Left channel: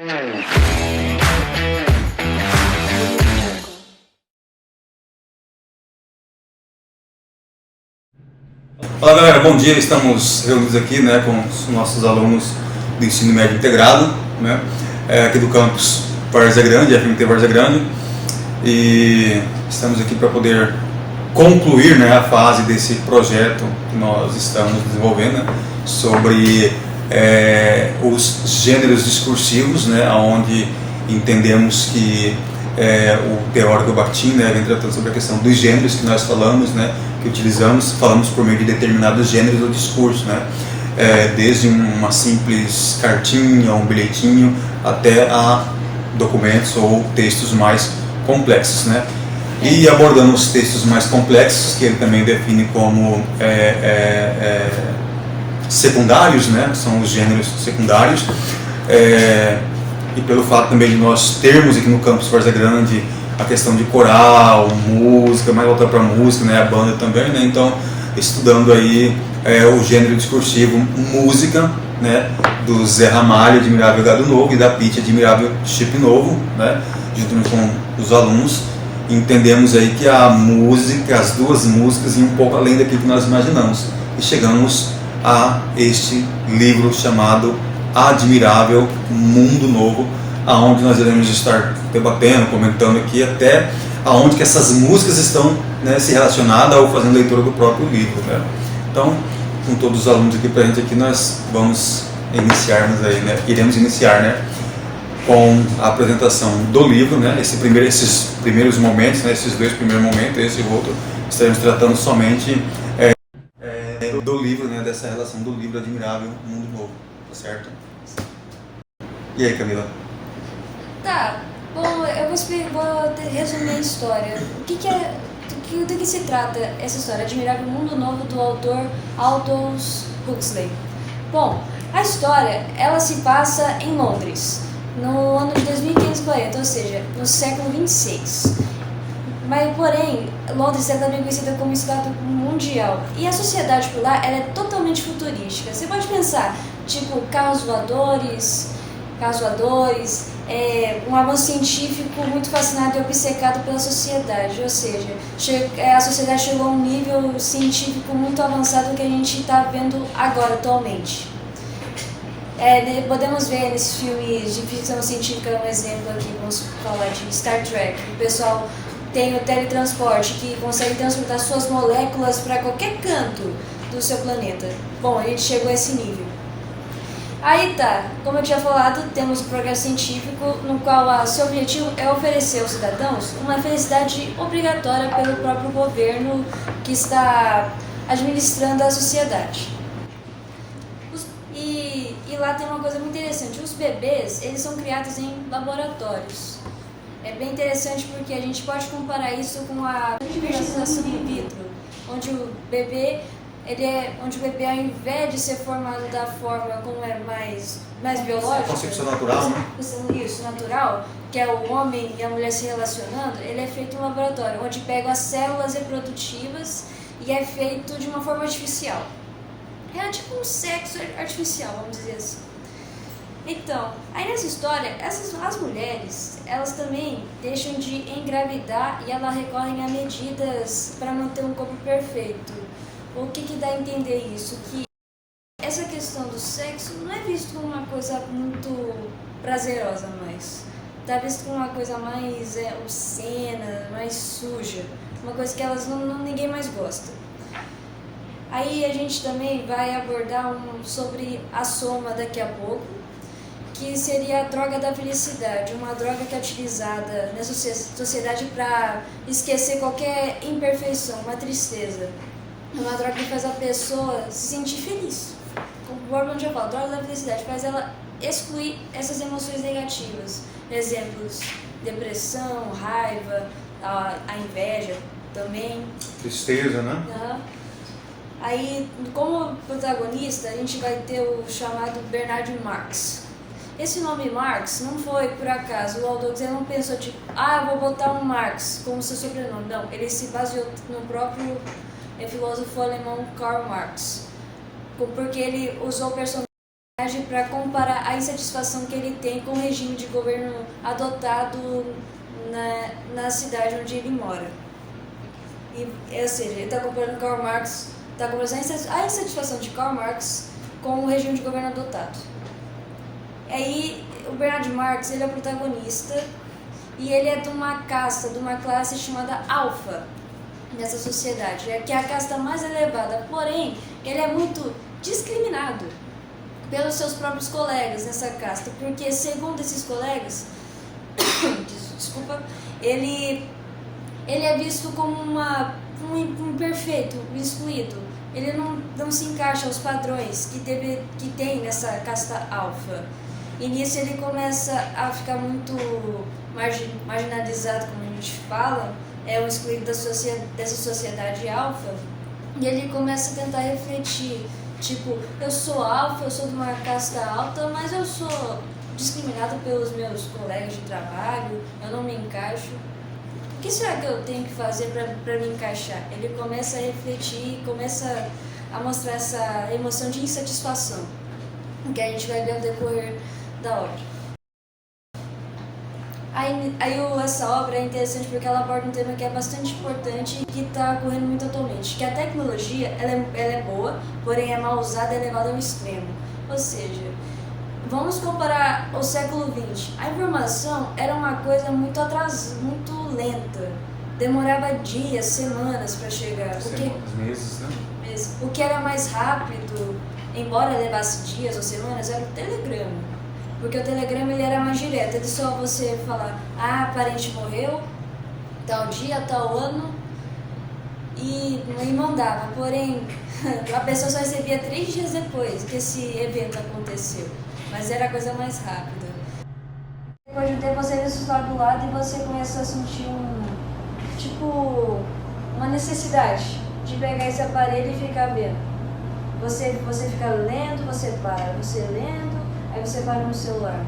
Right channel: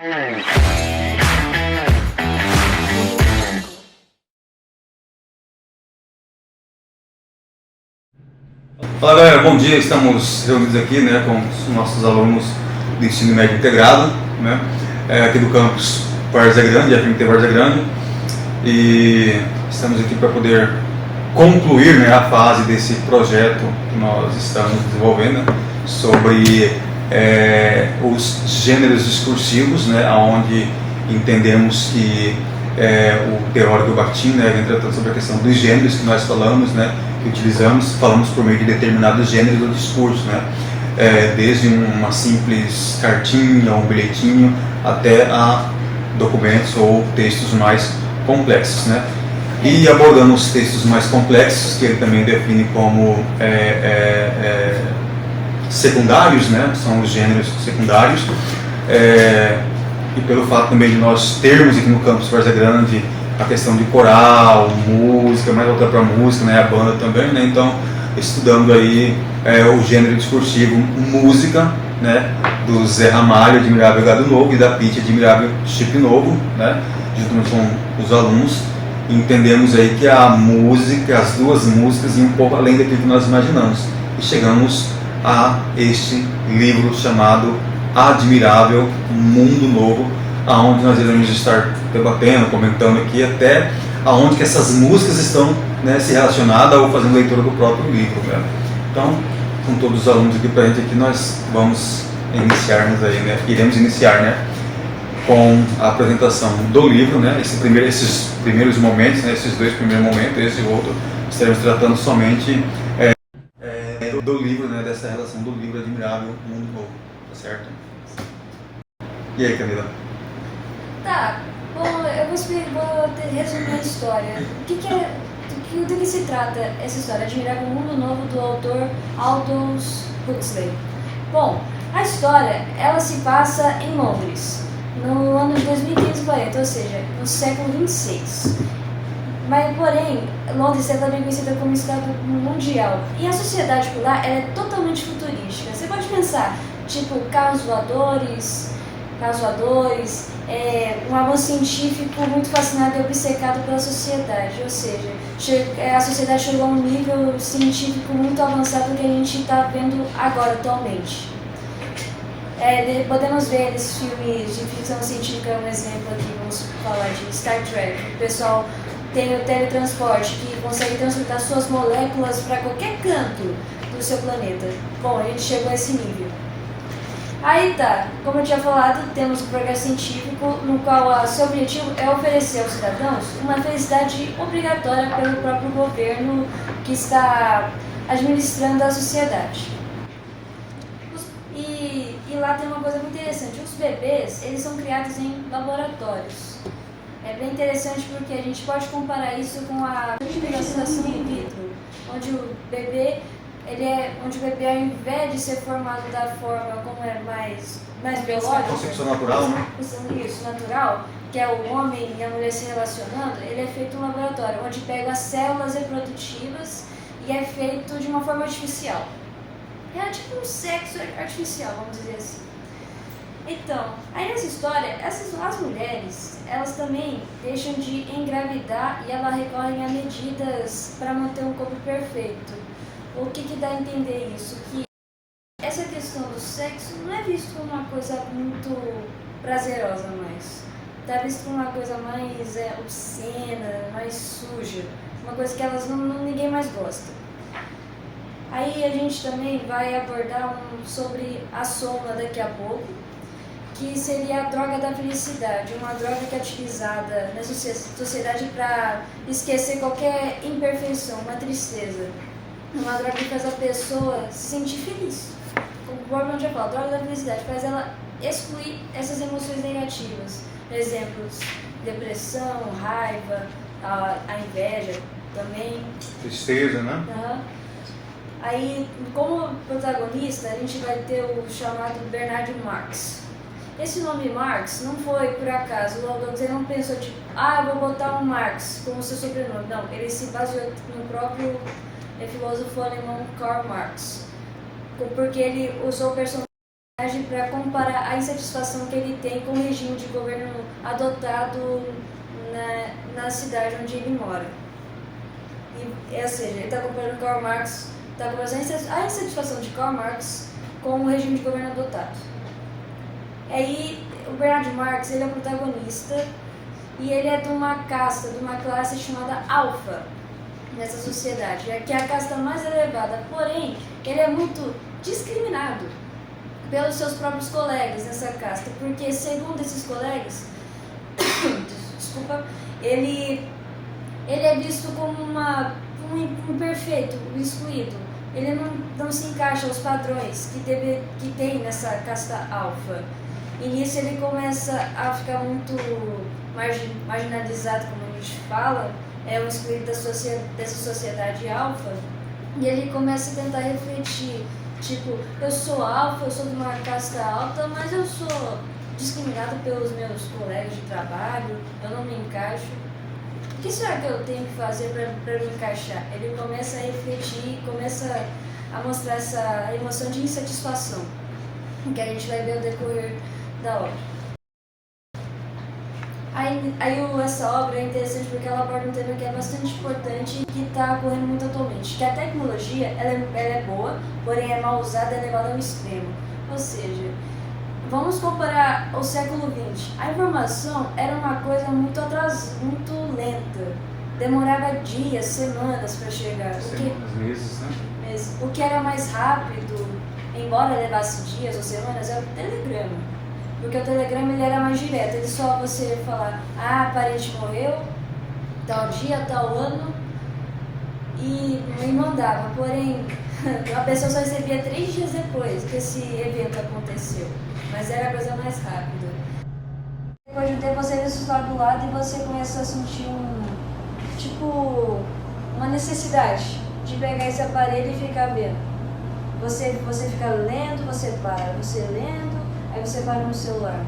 Olá galera, bom dia, estamos reunidos aqui com os nossos alunos do ensino médio integrado, aqui do campus Várzea Grande, FMT Várzea Grande, e estamos aqui para poder concluir a fase desse projeto que nós estamos desenvolvendo sobre os gêneros discursivos, onde entendemos que o teórico Bakhtin vem tratando sobre a questão dos gêneros que nós falamos, que falamos por meio de determinados gêneros do discurso, desde uma simples cartinha ou um bilhetinho até a documentos ou textos mais complexos, E abordando os textos mais complexos, que ele também define como secundários, são os gêneros secundários, e pelo fato também de nós termos aqui no campus Várzea Grande a questão de coral, música, mais voltada para a música, a banda também, então estudando aí o gênero discursivo música, do Zé Ramalho, Admirável Gado Novo, e da Pitty, Admirável Chip Novo, juntamente com os alunos, entendemos aí que a música, as duas músicas iam um pouco além daquilo que nós imaginamos, e chegamos a este livro chamado Admirável Mundo Novo, aonde nós iremos estar debatendo, comentando aqui até aonde que essas músicas estão se relacionadas ou fazendo leitura do próprio livro. Então, com todos os alunos aqui presentes aqui, nós vamos iniciarmos aí, iremos iniciar com a apresentação do livro, esses primeiros momentos, esses dois primeiros momentos, esse e o outro, estaremos tratando somente do livro, dessa relação do livro Admirável Mundo Novo, tá certo? E aí, Camila? Tá, bom, eu vou resumir a história. Do que se trata essa história? Admirável Mundo Novo, do autor Aldous Huxley. Bom, a história, ela se passa em Londres, no ano de 2540, ou seja, no século 26. Mas, porém, Londres é também conhecida como estado mundial. E a sociedade por lá, ela é totalmente futurística. Você pode pensar, tipo, carros voadores, um avanço científico muito fascinado e obcecado pela sociedade, ou seja, a sociedade chegou a um nível científico muito avançado que a gente está vendo agora, atualmente. Podemos ver nesses filmes de ficção científica, um exemplo aqui, vamos falar de Star Trek, o pessoal tem o teletransporte, que consegue transportar suas moléculas para qualquer canto do seu planeta. Bom, a gente chegou a esse nível. Aí tá, como eu tinha falado, temos o progresso científico, no qual seu objetivo é oferecer aos cidadãos uma felicidade obrigatória pelo próprio governo que está administrando a sociedade. E lá tem uma coisa muito interessante, os bebês, eles são criados em laboratórios. É bem interessante porque a gente pode comparar isso com a fertilização in vitro, onde o bebê, ao invés de ser formado da forma como é mais biológica, concepção natural, Isso, natural, que é o homem e a mulher se relacionando, ele é feito em um laboratório, onde pega as células reprodutivas e é feito de uma forma artificial. É tipo um sexo artificial, vamos dizer assim. Então, aí nessa história, as mulheres, elas também deixam de engravidar e elas recorrem a medidas para manter um corpo perfeito. O que dá a entender isso? Que essa questão do sexo não é visto como uma coisa muito prazerosa mais. Está visto como uma coisa mais obscena, mais suja. Uma coisa que ninguém mais gosta. Aí a gente também vai abordar sobre a soma daqui a pouco, que seria a droga da felicidade, uma droga que é utilizada na sociedade para esquecer qualquer imperfeição, uma tristeza. Uma droga que faz a pessoa se sentir feliz. O Borman já fala, a droga da felicidade faz ela excluir essas emoções negativas. Exemplos, depressão, raiva, a inveja também. Tristeza, Aí, como protagonista, a gente vai ter o chamado Bernard Marx. Esse nome Marx não foi por acaso, o Aldous não pensou vou botar um Marx como seu sobrenome. Não, ele se baseou no próprio filósofo alemão Karl Marx, porque ele usou o personagem para comparar a insatisfação que ele tem com o regime de governo adotado na cidade onde ele mora. Ou seja, ele está comparando Karl Marx, está comparando a insatisfação de Karl Marx com o regime de governo adotado. Aí, o Bernard Marx, ele é o protagonista e ele é de uma casta, de uma classe chamada alfa nessa sociedade, que é a casta mais elevada, porém, ele é muito discriminado pelos seus próprios colegas nessa casta, porque segundo esses colegas, desculpa, ele é visto como um imperfeito, um excluído. Ele não se encaixa aos padrões que tem nessa casta alfa. E nisso ele começa a ficar muito marginalizado, como a gente fala, é um excluído dessa sociedade alfa. E ele começa a tentar refletir, tipo, eu sou alfa, eu sou de uma casta alta, mas eu sou discriminado pelos meus colegas de trabalho, eu não me encaixo. O que será que eu tenho que fazer para me encaixar? Ele começa a refletir, começa a mostrar essa emoção de insatisfação, que a gente vai ver no decorrer da obra. Essa obra é interessante porque ela aborda um tema que é bastante importante e que está ocorrendo muito atualmente, que a tecnologia ela é boa, porém é mal usada e é levada ao extremo. Ou seja, vamos comparar o século XX. A informação era uma coisa muito lenta. Demorava dias, semanas para chegar. Meses, né? O que era mais rápido, embora levasse dias ou semanas, era o telegrama. Porque o telegrama ele era mais direto. Ele só você falar, parente morreu, tal dia, tal ano, e mandava. Porém, a pessoa só recebia 3 dias depois que esse evento aconteceu. Mas era a coisa mais rápida. Depois de um tempo você vê isso lá do lado e você começa a sentir uma necessidade de pegar esse aparelho e ficar vendo. Você fica lendo, você para, você lendo, aí você para no celular.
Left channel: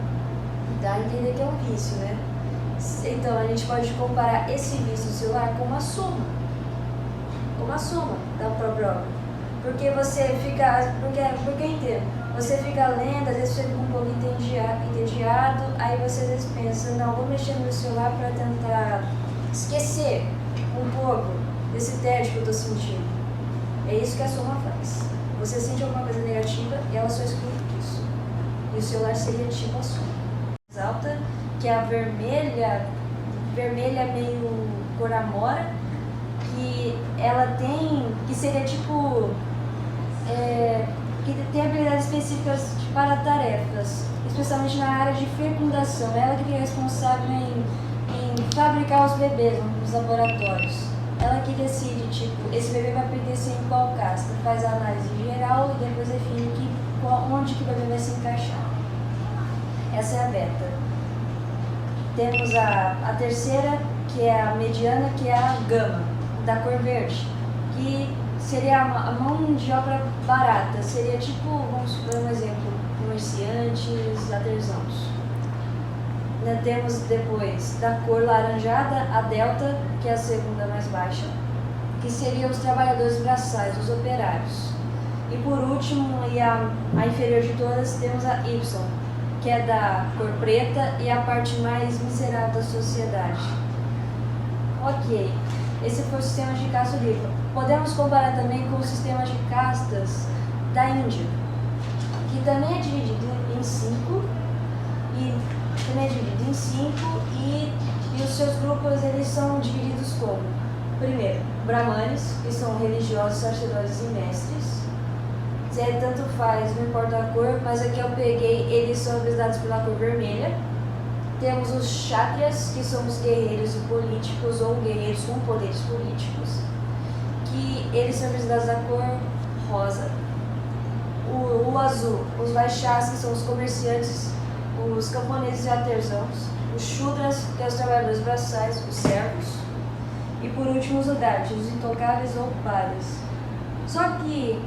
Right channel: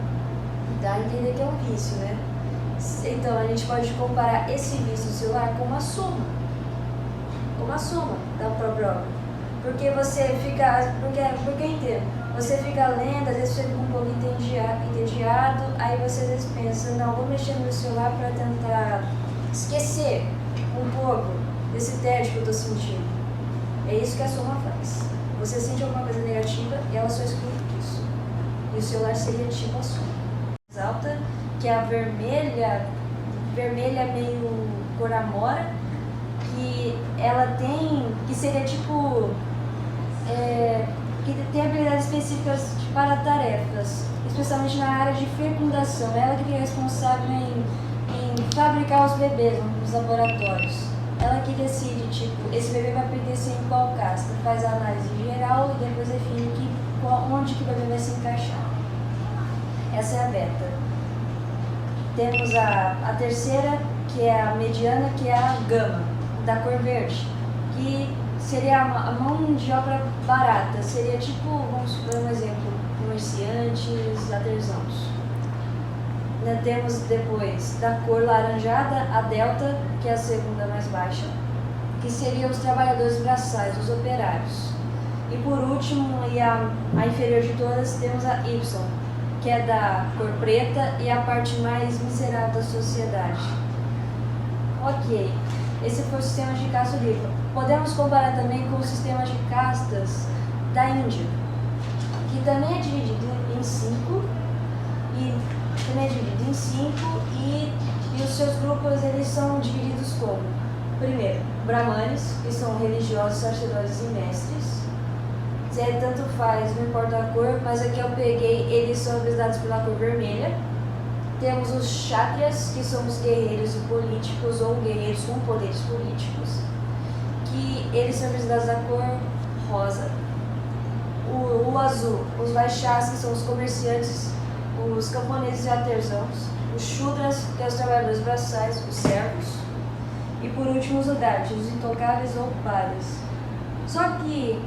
Dá a entender que é um vício, né? Então a gente pode comparar esse vício do celular com uma soma. Da própria obra. Porque você fica. Porque eu entendo. Você fica lendo, às vezes você fica um pouco entediado, aí você às vezes pensa, não, vou mexer no meu celular para tentar esquecer um pouco desse tédio que eu estou sentindo. É isso que a soma faz. Você sente alguma coisa negativa e ela só exclui isso. E o celular seria tipo a soma. Mais alta, que é a vermelha meio cor amora, que ela tem, que seria tipo... que tem habilidades específicas para tarefas, especialmente na área de fecundação. Ela que é responsável em fabricar os bebês nos laboratórios. Ela que decide, esse bebê vai pertencer em qual casta, faz a análise geral e depois define onde que o bebê vai se encaixar. Essa é a beta. Temos a terceira, que é a mediana, que é a gama, da cor verde, que seria a mão de obra barata, seria vamos dar um exemplo, comerciantes, artesãos. Temos depois da cor laranjada, a delta, que é a segunda mais baixa, que seriam os trabalhadores braçais, os operários. E por último, e a inferior de todas, temos a Y, que é da cor preta e a parte mais miserável da sociedade. Ok, esse foi o sistema de casta livre. Podemos comparar também com o sistema de castas da Índia, que também é dividido em 5 e os seus grupos eles são divididos como: primeiro, brahmanes, que são religiosos, sacerdotes e mestres. Tanto faz, não importa a cor, mas aqui eu peguei, eles são representados pela cor vermelha. Temos os kshatriyas, que são os guerreiros e políticos, ou guerreiros com poderes políticos, que eles são representados da cor rosa. O azul, os vaixás, que são os comerciantes, os camponeses e artesãos. Os shudras, que são os trabalhadores braçais, os servos. E por último os udatis, os intocáveis ou pares. Só que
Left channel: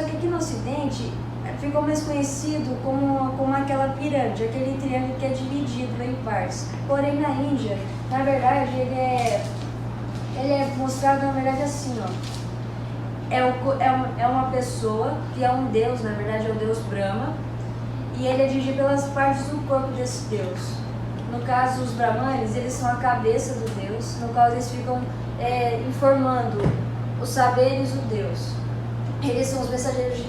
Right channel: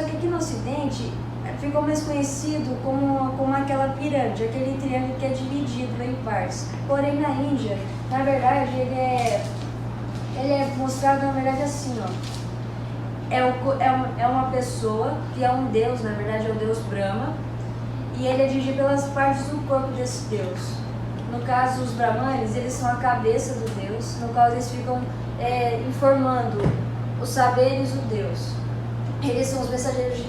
aqui no Ocidente ficou mais conhecido como aquela pirâmide, aquele triângulo que é dividido em partes. Porém na Índia, na verdade, ele é mostrado na verdade assim, ó. É uma pessoa que é um deus, na verdade é o deus Brahma, e ele é dirigido pelas partes do corpo desse deus. No caso, os Brahmanes, eles são a cabeça do deus, no qual eles ficam informando os saberes do deus. Eles são os mensageiros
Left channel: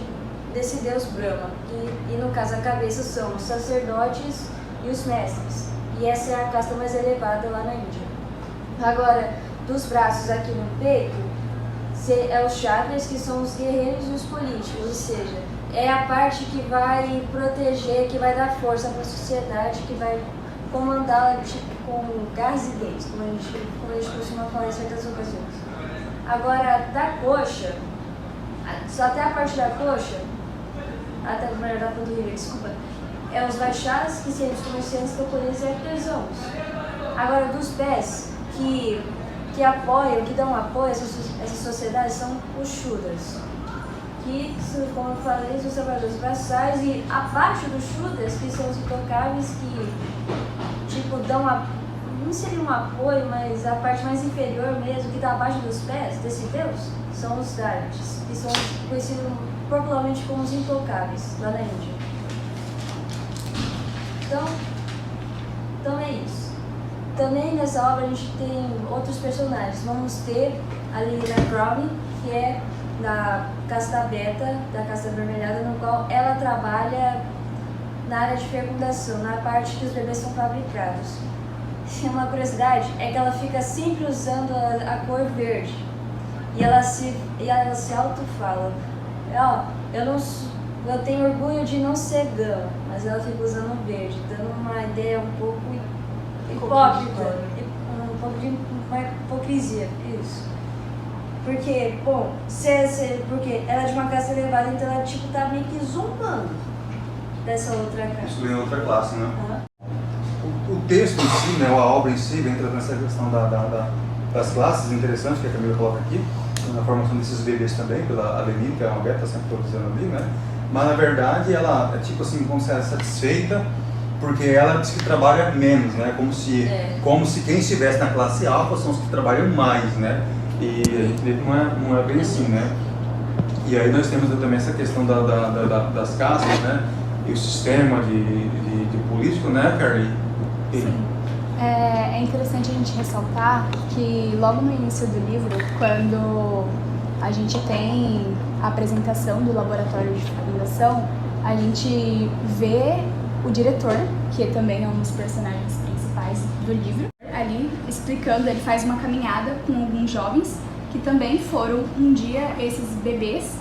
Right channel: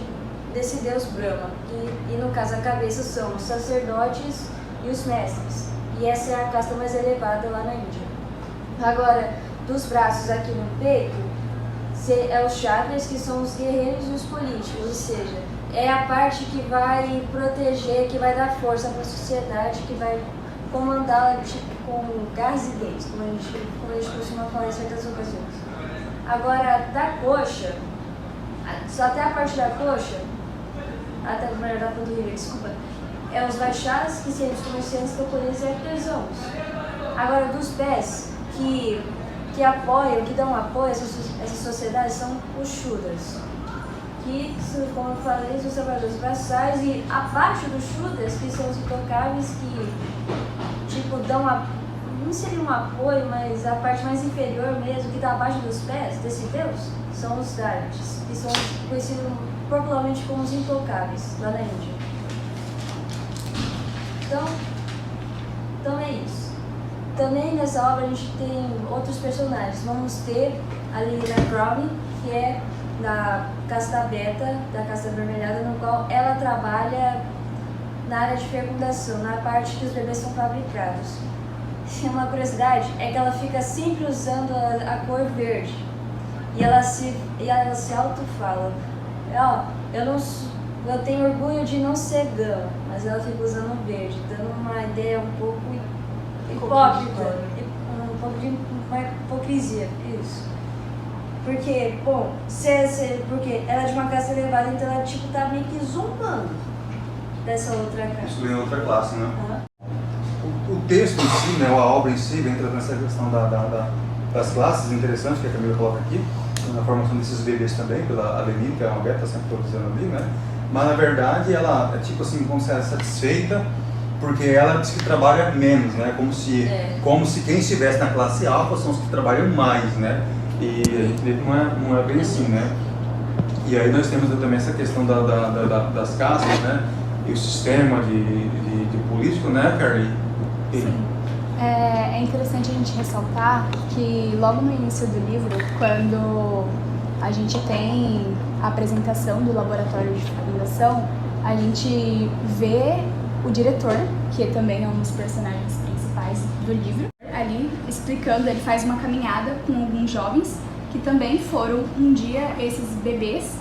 desse deus Brahma, e no caso a cabeça são os sacerdotes e os mestres. E essa é a casta mais elevada lá na Índia. Agora, dos braços aqui no peito, é os chakras, que são os guerreiros e os políticos, ou seja, é a parte que vai proteger, que vai dar força para a sociedade, que vai comandá-la tipo, com garras e dentes, como a gente costuma falar em certas ocasiões. Agora, da coxa, só até a parte da coxa, até melhor da panturrilha, desculpa, é os Vaixás, que seriam os comerciantes, camponeses e artesãos. Agora, dos pés, que apoiam, que dão apoio a essas sociedades, são os Shudras, que, como eu falei, são os trabalhadores braçais, e abaixo dos Shudras, que são os intocáveis, que tipo, dão não seria um apoio, mas a parte mais inferior mesmo, que está abaixo dos pés desse deus, são os Darvids, que são conhecidos popularmente como os intocáveis, lá na Índia. Então é isso. Também nessa obra a gente tem outros personagens. Vamos ter a Lilina Crowley, que é da casta beta, da casta avermelhada, no qual ela trabalha na área de fecundação, na parte que os bebês são fabricados. Uma curiosidade é que ela fica sempre usando a cor verde. E ela se auto-fala, eu tenho orgulho de não ser gama, mas ela fica usando o verde, dando uma ideia um pouco hipócrita, um pouco de uma hipocrisia, isso. Porque, bom, porque ela é de uma classe elevada, então ela tipo tá meio que zombando dessa outra classe. Excluindo outra classe, né? Uhum. O texto em si, né, a obra em si, entra nessa questão das classes, interessante que a Camila coloca aqui, na formação desses bebês também, pela Alenina, que é uma beta, está sempre produzindo ali, né? Mas na verdade ela é tipo assim, como se ela é satisfeita, porque ela diz que trabalha menos, né? Como se quem estivesse na classe alfa são os que trabalham mais, né? E a gente vê que não é bem assim, né? E aí nós temos também essa questão das castas, né? E o sistema de político, né, Carly? Sim. É interessante a gente ressaltar que logo no início do livro, quando a gente tem a apresentação do laboratório de fecundação, a gente vê o diretor, que também é um dos personagens principais do livro, ali explicando, ele faz uma caminhada com alguns jovens que também foram um dia esses bebês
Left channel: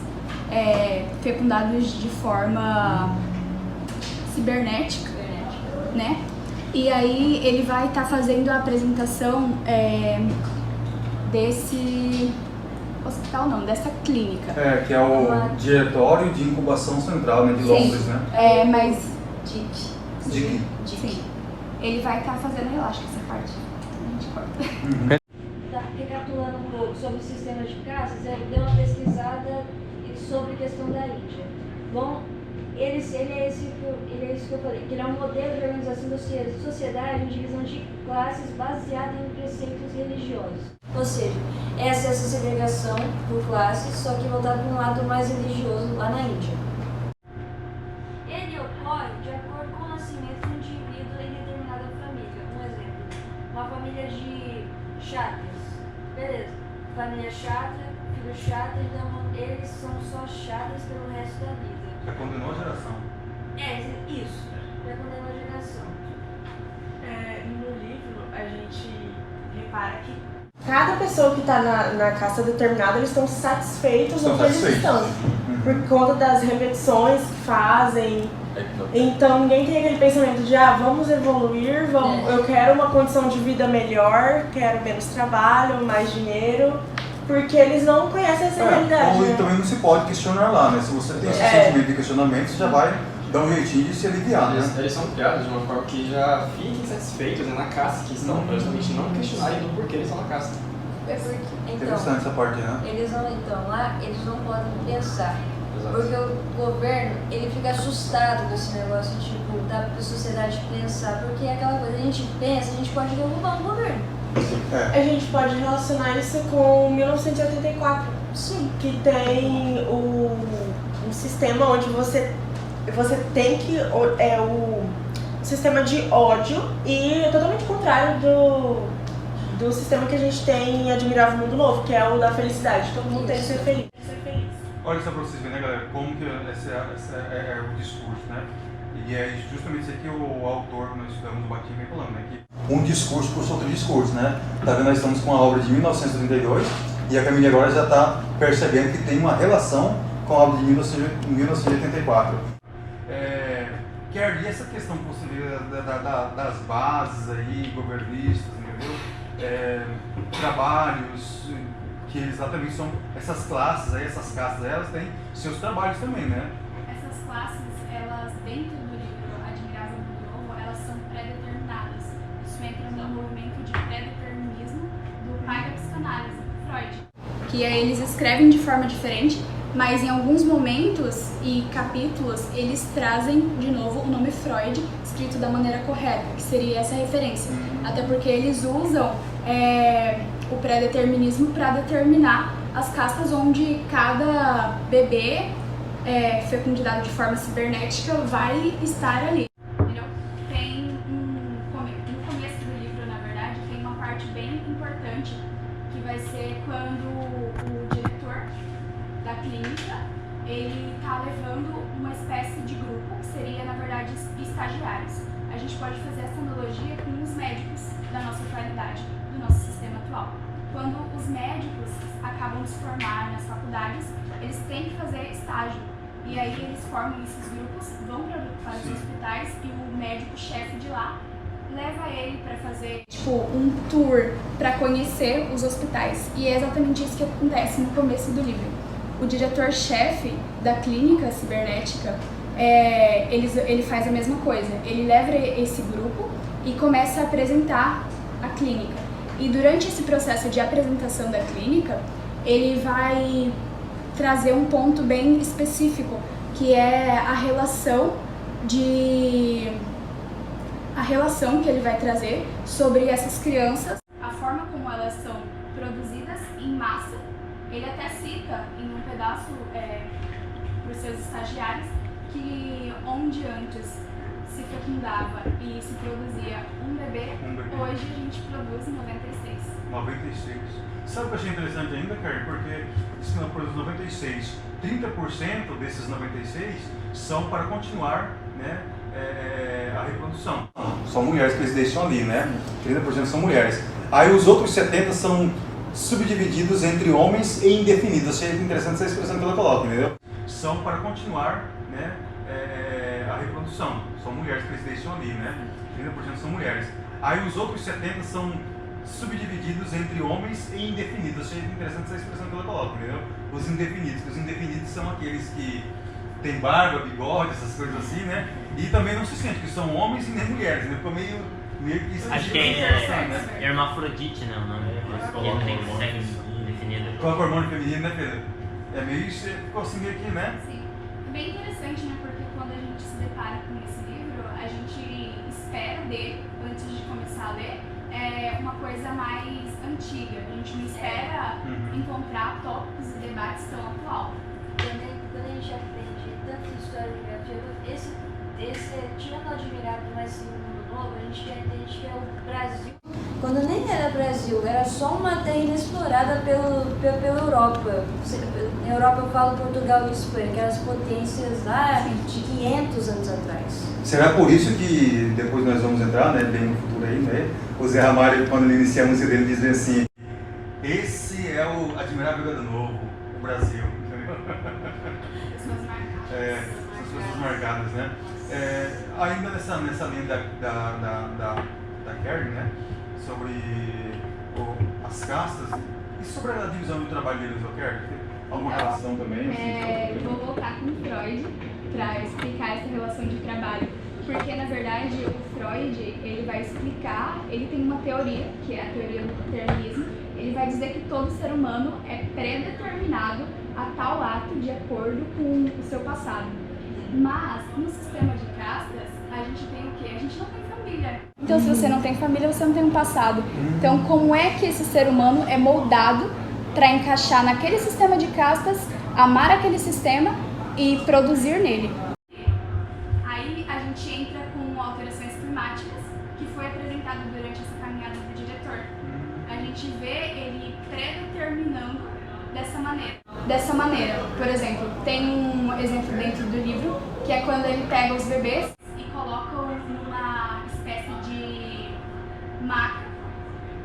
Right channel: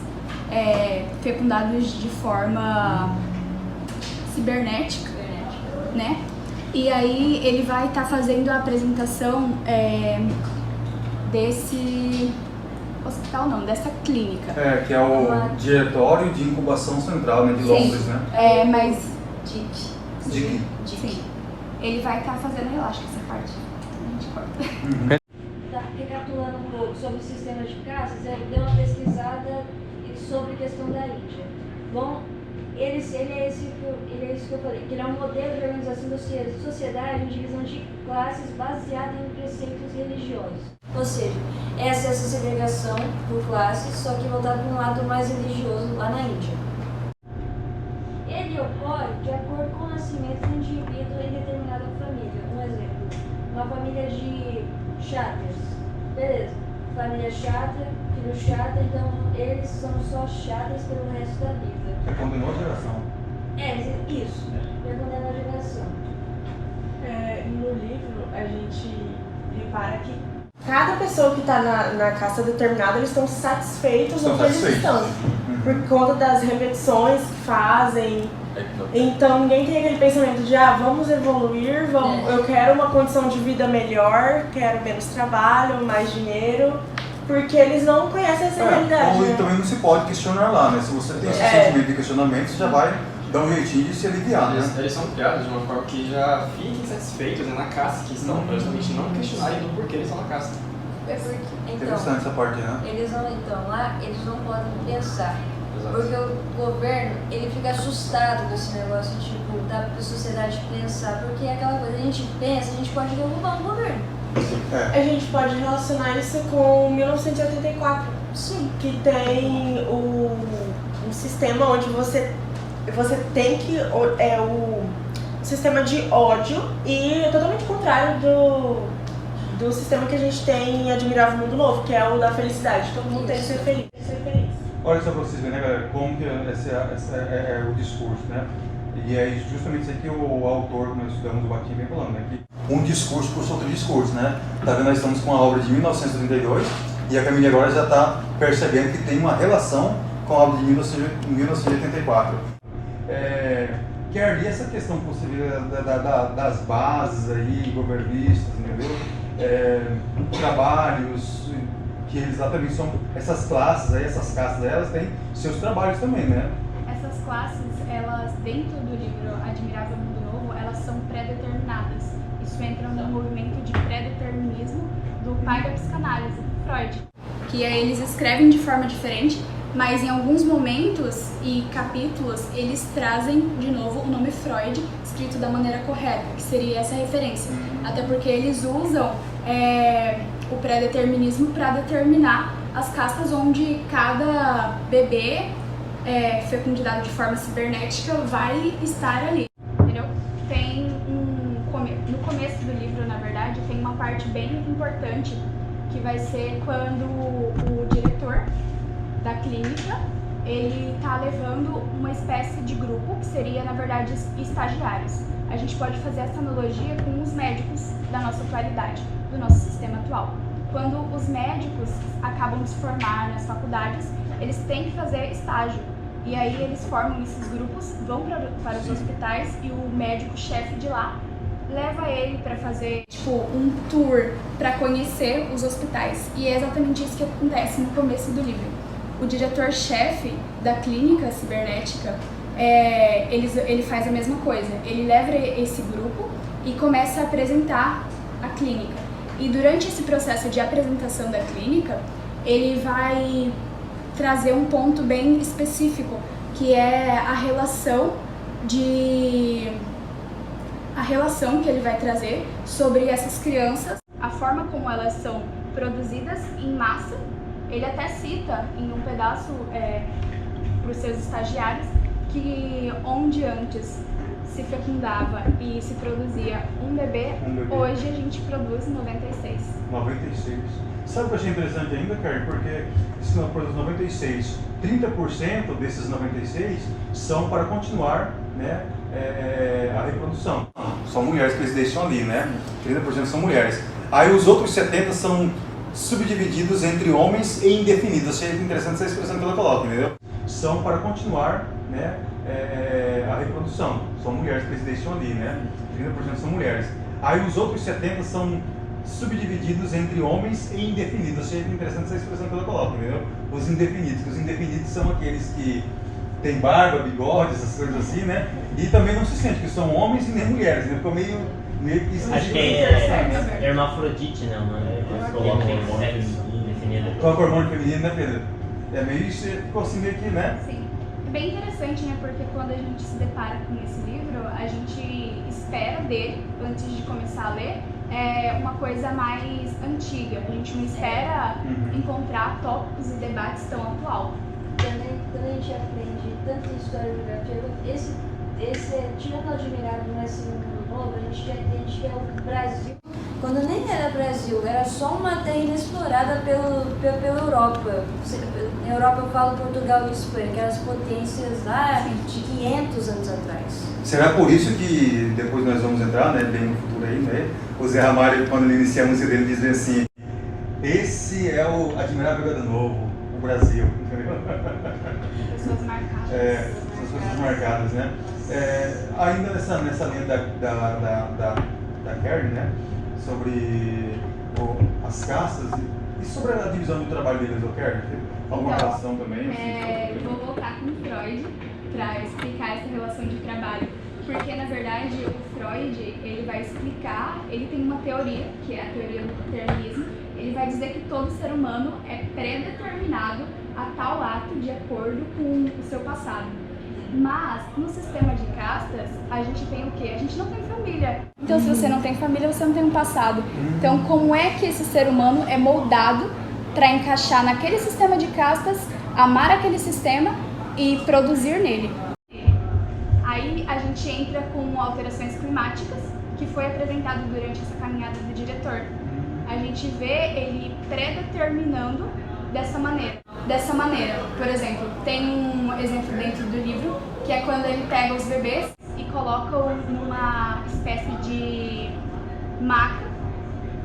fecundados de forma cibernética, né? E aí ele vai estar fazendo a apresentação desse hospital, não, dessa clínica. Que é o Diretório de Incubação Central, né, de Londres, né? Mas... DIC. Sim. Ele vai estar fazendo, eu acho que essa parte a gente corta. Recapitulando um pouco sobre o sistema de castas, eu dei uma pesquisada sobre a questão da Índia. Bom, ele é isso que eu falei, que ele é um modelo de organização da sociedade em divisão de classes baseada em preceitos religiosos. Ou seja, essa segregação por classes, só que voltada para um lado mais religioso lá na Índia. Ele ocorre de acordo com o nascimento do indivíduo em determinada família. Um exemplo, uma família de chátrias. Beleza, família chátra, filho chátra, então eles são só chátrias pelo resto da vida. Já condenou a geração. Isso. Já condenou a geração. No livro, a gente repara que cada pessoa que está na casta determinada, eles estão satisfeitos no que eles estão. Por conta das repetições que fazem. Então ninguém tem aquele pensamento de vamos evoluir, eu quero uma condição de vida melhor, quero menos trabalho, mais dinheiro, porque eles não conhecem essa realidade. Ou também não se pode questionar lá, né? Se você tem esse sentimento de questionamento, você já vai dar um jeitinho de se aliviar, né? Eles são criados de uma forma que já fiquem satisfeitos na casta que estão, para justamente não questionarem do porquê eles estão na casta. Interessante essa parte, né? Eles não podem pensar. Porque o governo, ele fica assustado com esse negócio, tipo, da sociedade pensar, porque é aquela coisa, a gente pensa, a gente pode derrubar o governo. A gente pode relacionar isso com 1984. Sim. Que tem um sistema onde você você tem que... o sistema de ódio e totalmente contrário do sistema que a gente tem em Admirável Mundo Novo, que é o da felicidade. Todo mundo tem que ser feliz. Olha só para vocês verem, né, galera, como que esse é o discurso, né? E é justamente isso aqui que o autor que nós estudamos, o Bakhtin, vem falando, né? Que um discurso puxa outro discurso, né? Tá vendo, nós estamos com a obra de 1932 e a Camille agora já está percebendo que tem uma relação com a obra de 1984. Kerry, e essa questão que você vê das bases aí, governistas, entendeu? Trabalhos que eles exatamente são essas classes aí, essas castas, elas têm seus trabalhos também, né? Essas classes, elas, dentro do livro Admirável Mundo Novo, elas são pré-determinadas. Isso entra no movimento de pré-determinismo do pai da psicanálise, Freud. Que eles escrevem de forma diferente, mas em alguns momentos e capítulos eles trazem de novo o nome Freud escrito da maneira correta, que seria essa referência. Até porque eles usam o pré-determinismo para determinar as castas onde cada bebê fecundado de forma cibernética vai estar ali, entendeu? Tem no começo do livro, na verdade, tem uma parte bem importante que vai ser quando o diretor da clínica, ele tá levando uma espécie de grupo, que seria, na verdade, estagiários. A gente pode fazer essa analogia com os médicos da nossa atualidade, do nosso sistema atual. Quando os médicos acabam de se formar nas faculdades, eles têm que fazer estágio. E aí eles formam esses grupos, vão para os hospitais e o médico-chefe de lá leva ele para fazer um tour para conhecer os hospitais. E é exatamente isso que acontece no começo do livro. O diretor-chefe da clínica cibernética, ele faz a mesma coisa. Ele leva esse grupo e começa a apresentar a clínica. E durante esse processo de apresentação da clínica, ele vai trazer um ponto bem específico, que é a relação que ele vai trazer sobre essas crianças, a forma como elas são produzidas em massa. Ele até cita em um pedaço para os seus estagiários que onde antes se fecundava e se produzia um bebê, hoje a gente produz 96. 96. Sabe o que eu achei interessante ainda, Kerry? Porque se não produz 96, 30% desses 96 são para continuar, né, a reprodução. São mulheres que eles deixam ali, né? 30% são mulheres. Aí os outros 70 são subdivididos entre homens e indefinidos. Achei interessante essa expressão que ela coloca, entendeu? São para continuar, né, a reprodução. São mulheres que eles deixam ali, né? 30% são mulheres. Aí os outros 70 são subdivididos entre homens e indefinidos. Achei interessante essa expressão que ela coloca, entendeu? Os indefinidos, que os indefinidos são aqueles que têm barba, bigode, essas coisas assim, né? E também não se sente que são homens e nem mulheres, né? Ficou meio que esquisito. Acho que é hermafrodite, né? O nome tem sexo definido. Coloca hormônio feminino, né, Pedro? É meio isso, ficou assim meio que, né? Sim. É bem interessante, né? Porque quando a gente se depara com esse livro, a gente espera dele, antes de começar a ler, uma coisa mais antiga. A gente não espera encontrar tópicos e debates tão atual. Também, quando a gente aprende tanta história de geografia, tirando o Admirável, mas esse Mundo Novo, a gente já entende que é o Brasil. Quando nem era Brasil, era só uma terra inexplorada pela Europa. Na Europa eu falo Portugal e Espanha, aquelas potências lá de 500 anos atrás. Será por isso que depois nós vamos entrar, né, bem no futuro aí, né? O Zé Ramalho, quando ele inicia a música dele, diz assim: esse é o Admirável Gado Novo, o Brasil, entendeu? Pessoas marcadas. São as pessoas marcadas, né? Ainda nessa linha da Kerry, né? Sobre as castas e sobre a divisão do trabalho deles, Kerry? Alguma relação também? Vou voltar com o Freud para explicar essa relação de trabalho. Porque, na verdade, o Freud, ele vai explicar, ele tem uma teoria, que é a teoria do determinismo. Ele vai dizer que todo ser humano é predeterminado a tal ato de acordo com o seu passado. Mas, no sistema de castas, a gente tem o quê? A gente não tem família. Então, se você não tem família, você não tem um passado. Então, como é que esse ser humano é moldado para encaixar naquele sistema de castas, amar aquele sistema e produzir nele? gente entra com alterações climáticas, que foi apresentado durante essa caminhada do diretor. A gente vê ele predeterminando dessa maneira. Por exemplo, tem um exemplo dentro do livro, que é quando ele pega os bebês e coloca numa espécie de maca,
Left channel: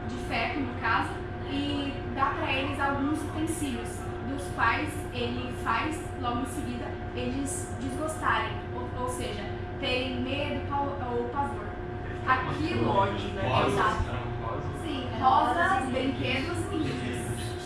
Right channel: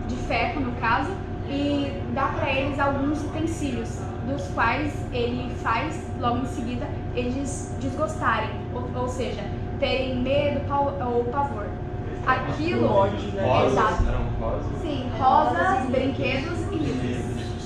de ferro no caso, e dá para eles alguns utensílios, dos quais ele faz, logo em seguida, eles desgostarem, ou seja, terem medo ou pavor. Aquilo, ódio, né? Exato. Eram rosas. Sim, rosas, brinquedos e livros.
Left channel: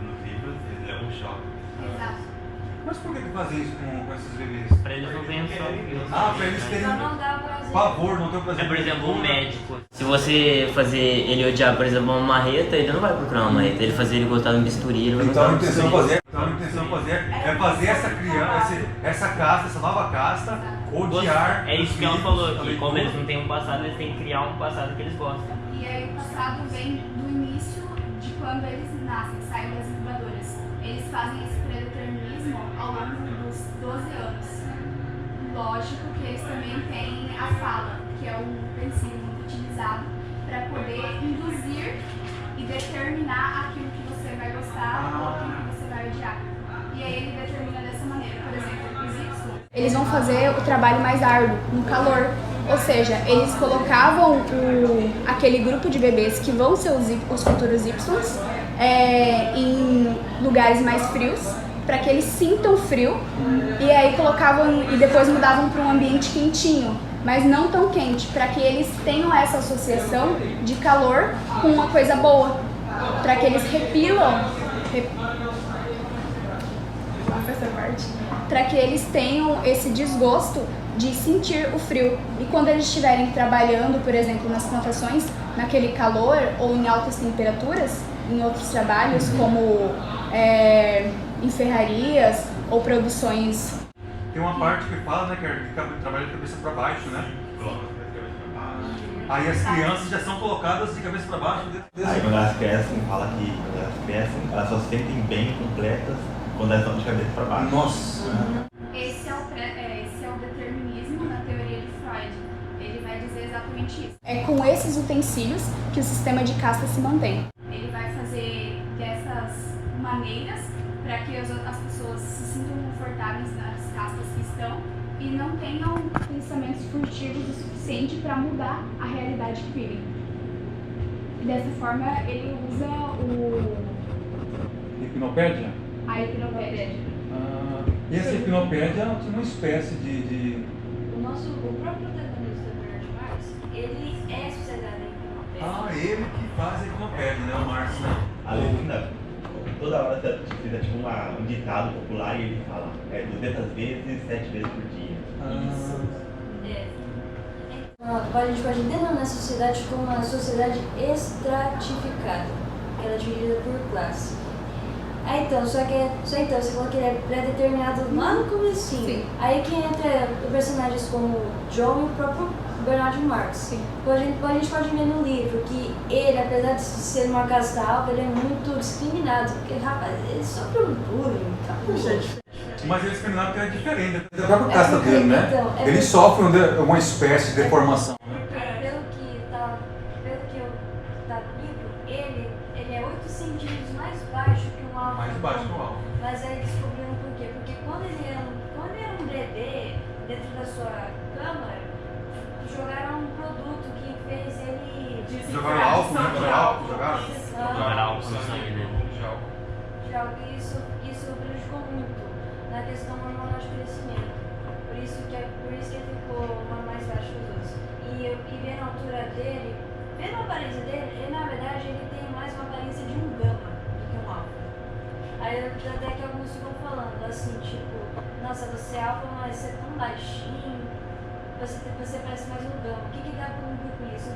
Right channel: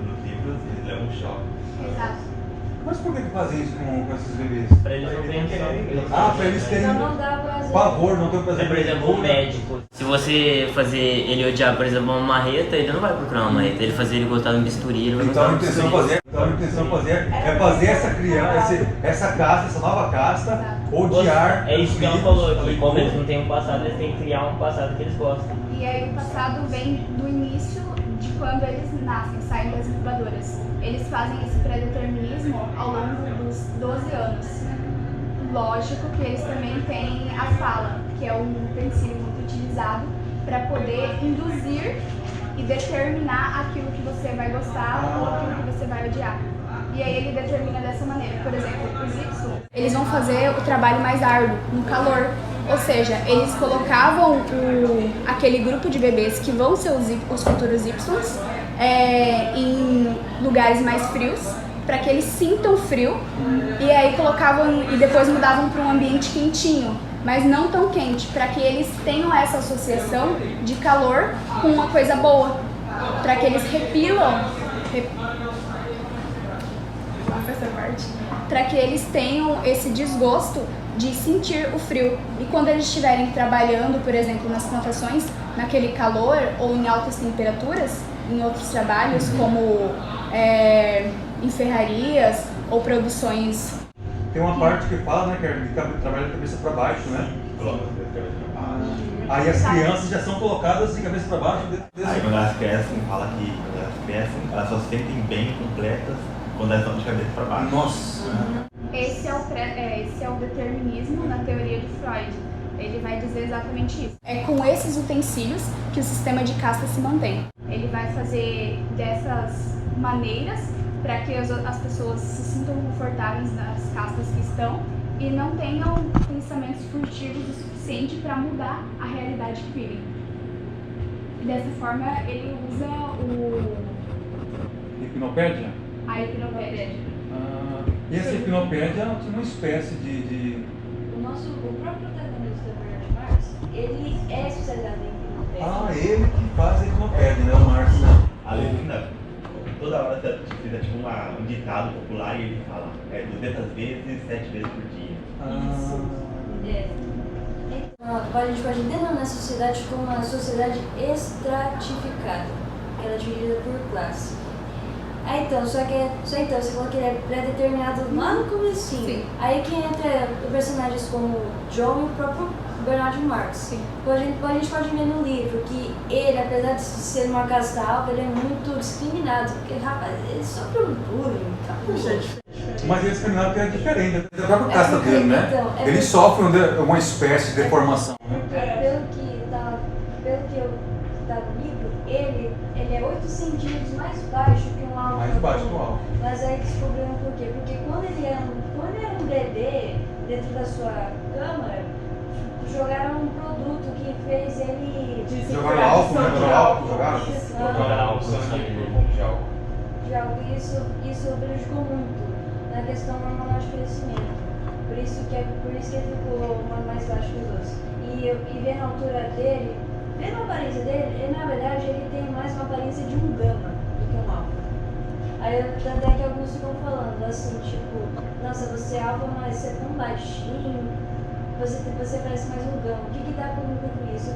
Nos livros, eles levam um choque. Exato. Mas por que fazem isso com esses bebês? Pra eles não pensarem. Pra eles terem Então não dá prazer. pavor, não tem prazer. Por exemplo, um médico. Se você fazer ele odiar, por exemplo, uma marreta, ele não vai procurar uma marreta. Ele fazer ele gostar de um bisturi, ele vai Então gostar a de um intenção bisturi. é fazer essa criança, essa casta, essa nova casta, odiar. É isso que ela os falou, vivos, que como eles não têm um passado, eles têm que criar um passado que eles gostam. E aí o passado vem do início de quando eles nascem, saem das incubadoras. Eles fazem esse pré-determinismo ao longo dos 12 anos. Lógico que eles também têm a fala, que é um utensílio muito utilizado para poder induzir e determinar aquilo que você vai gostar ou aquilo que você vai odiar. E aí ele determina dessa maneira. Por exemplo, os Y, eles vão fazer o trabalho mais árduo, no calor. Ou seja, eles colocavam aquele grupo de bebês que vão ser os futuros Ys em lugares mais frios, para que eles sintam frio, e aí colocavam e depois mudavam para um ambiente quentinho, mas não tão quente, para que eles tenham essa associação de calor com uma coisa boa, para que eles para que eles tenham esse desgosto de sentir o frio. E quando eles estiverem trabalhando, por exemplo, nas plantações, naquele calor ou em altas temperaturas, em outros trabalhos, como em ferrarias ou produções. Tem uma parte que fala, né, que trabalha de cabeça para baixo, né? Aí as crianças já são colocadas de cabeça para baixo. Aí quando elas crescem, fala que quando elas crescem, elas só se sentem bem completas quando elas estão de cabeça para baixo. Nossa! Esse é o determinismo na teoria de Freud. Ele vai dizer exatamente isso. É com esses utensílios que o sistema de casta se mantém. Ele vai fazer dessas maneiras para que as pessoas se sintam confortáveis nas castas que estão e não tenham pensamentos furtivos o suficiente para mudar a realidade que vivem. E dessa forma ele usa Hipnopédia? a hipnopédia. E essa hipnopédia é uma espécie de... O próprio protagonista do Bernard Marx, ele é especializado em hipnopédia. ele que faz a hipnopédia, né? O Marx, né? Além toda hora você fizer tipo um ditado popular e ele fala 200 vezes, 7 vezes por dia. Então, a gente pode denominar a sociedade como uma sociedade estratificada, que ela é dividida por classe. Só então, você falou que ele é pré-determinado lá no comecinho. Sim. Aí que entra personagens como John e o próprio Bernard Marx. Sim. A gente pode ver no livro que ele, apesar de ser uma casta alta, ele é muito discriminado. Porque, rapaz, ele sofre um bullying. Mas ele é discriminado porque é diferente. É a própria casta dele, né? Então, Ele sofre uma espécie de deformação. Porque pelo que eu tá no livro, ele é 8 centímetros mais baixo que um alvo. Mais baixo que um alvo. Mas aí descobriram por quê? Porque quando ele era um bebê dentro da sua câmara, jogaram um produto que fez ele... Jogaram álcool, né? Jogaram álcool no sangue dele. De algo, e isso prejudicou muito na questão hormonal de crescimento. Por isso que ele ficou mais baixo que os outros. E vendo a altura dele, vendo a aparência dele, ele, na verdade, ele tem mais uma aparência de um gama do que um alfa. Aí até que alguns ficam falando assim, tipo, nossa, você é alfa, mas você é tão baixinho, você parece mais um gama. O que dá pra mim com isso?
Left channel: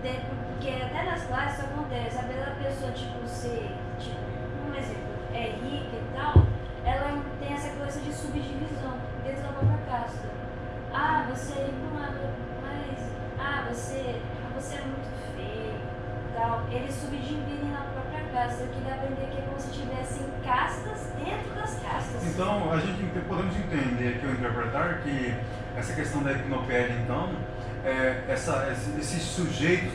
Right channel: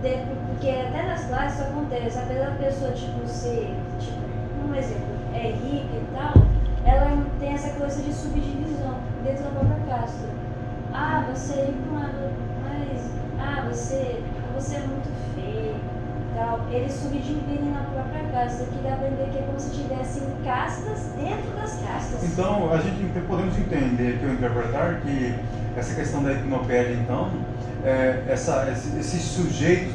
Porque até nas classes isso acontece, apesar da pessoa ser, um exemplo, é rica e tal, ela tem essa coisa de subdivisão dentro da própria casta. Você é rico, mas você é muito feio e tal. Eles subdividem na própria casta, que dá pra entender que é como se tivessem castas dentro das castas. Então, a gente podemos entender aqui, ou interpretar, que essa questão da hipnopédia, então, esses sujeitos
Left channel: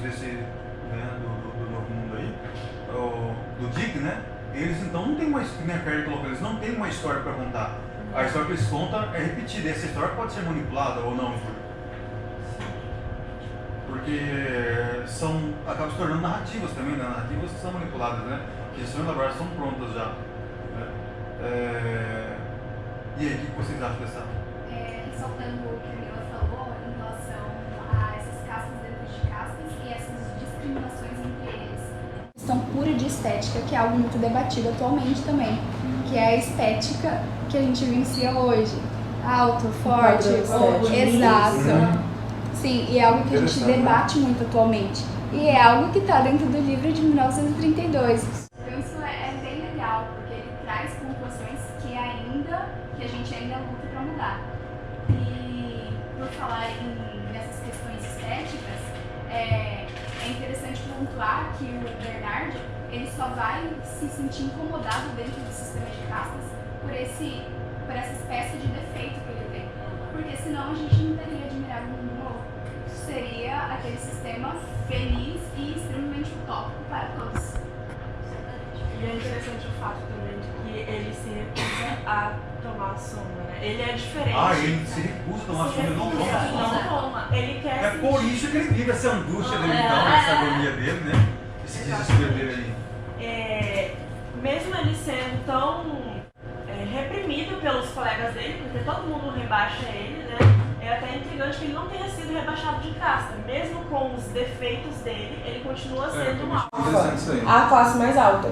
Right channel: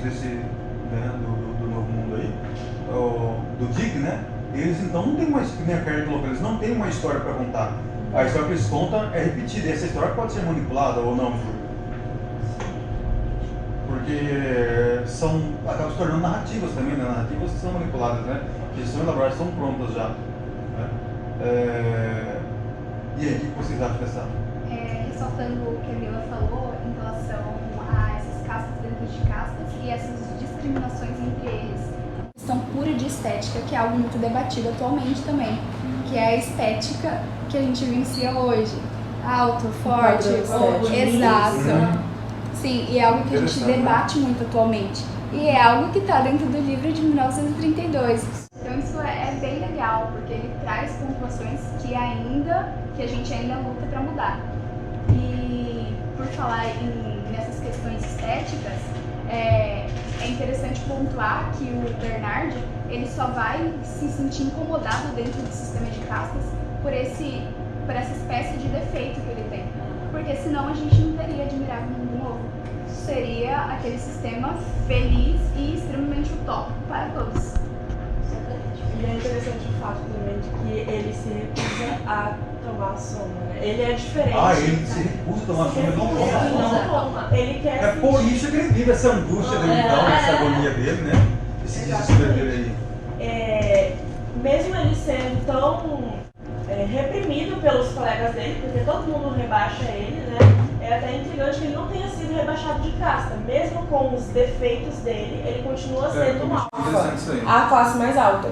né, do Novo Mundo aí, do Dick, né? Eles então não tem uma, que nem a Carrie colocou, eles não têm uma história para contar. A história que eles contam é repetida, e essa história pode ser manipulada ou não, porque acabam se tornando narrativas também, né? Narrativas que são manipuladas, né? Que são elaboradas, são prontas já. Né? E aí, o que vocês acham dessa? Ressaltando o que a Mila falou em relação a essas castas dentro de castas e essas discriminações entre eles. Questão pura de estética, que é algo muito debatido atualmente também, que é a estética que a gente vivencia hoje. Alto, forte, exato. Sim, e é algo que a gente debate muito atualmente. E é algo que está dentro do livro de 1932. Então isso é bem legal, porque ele traz pontuações que a gente ainda luta para mudar. E por falar nessas questões estéticas, é interessante pontuar que o Bernard, ele só vai se sentir incomodado dentro do sistema de castas por essa espécie de defeito que ele tem. Porque senão a gente não teria Admirável Mundo Novo. Seria aquele sistema feliz e extremamente utópico para todos. E é interessante o fato também de que ele se recusa a tomar a soma, né? Ele é diferente. Ele se recusa a tomar a soma, ele não toma. Ele quer É por isso que ele vive essa angústia dele, então, essa agonia dele, né? Esse desespero dele aí. Mesmo ele sendo tão reprimido pelos colegas dele, porque todo mundo rebaixa ele, né? É até intrigante que ele não tenha sido rebaixado de casta. Mesmo com os defeitos dele, ele continua sendo um alfa, a classe mais alta.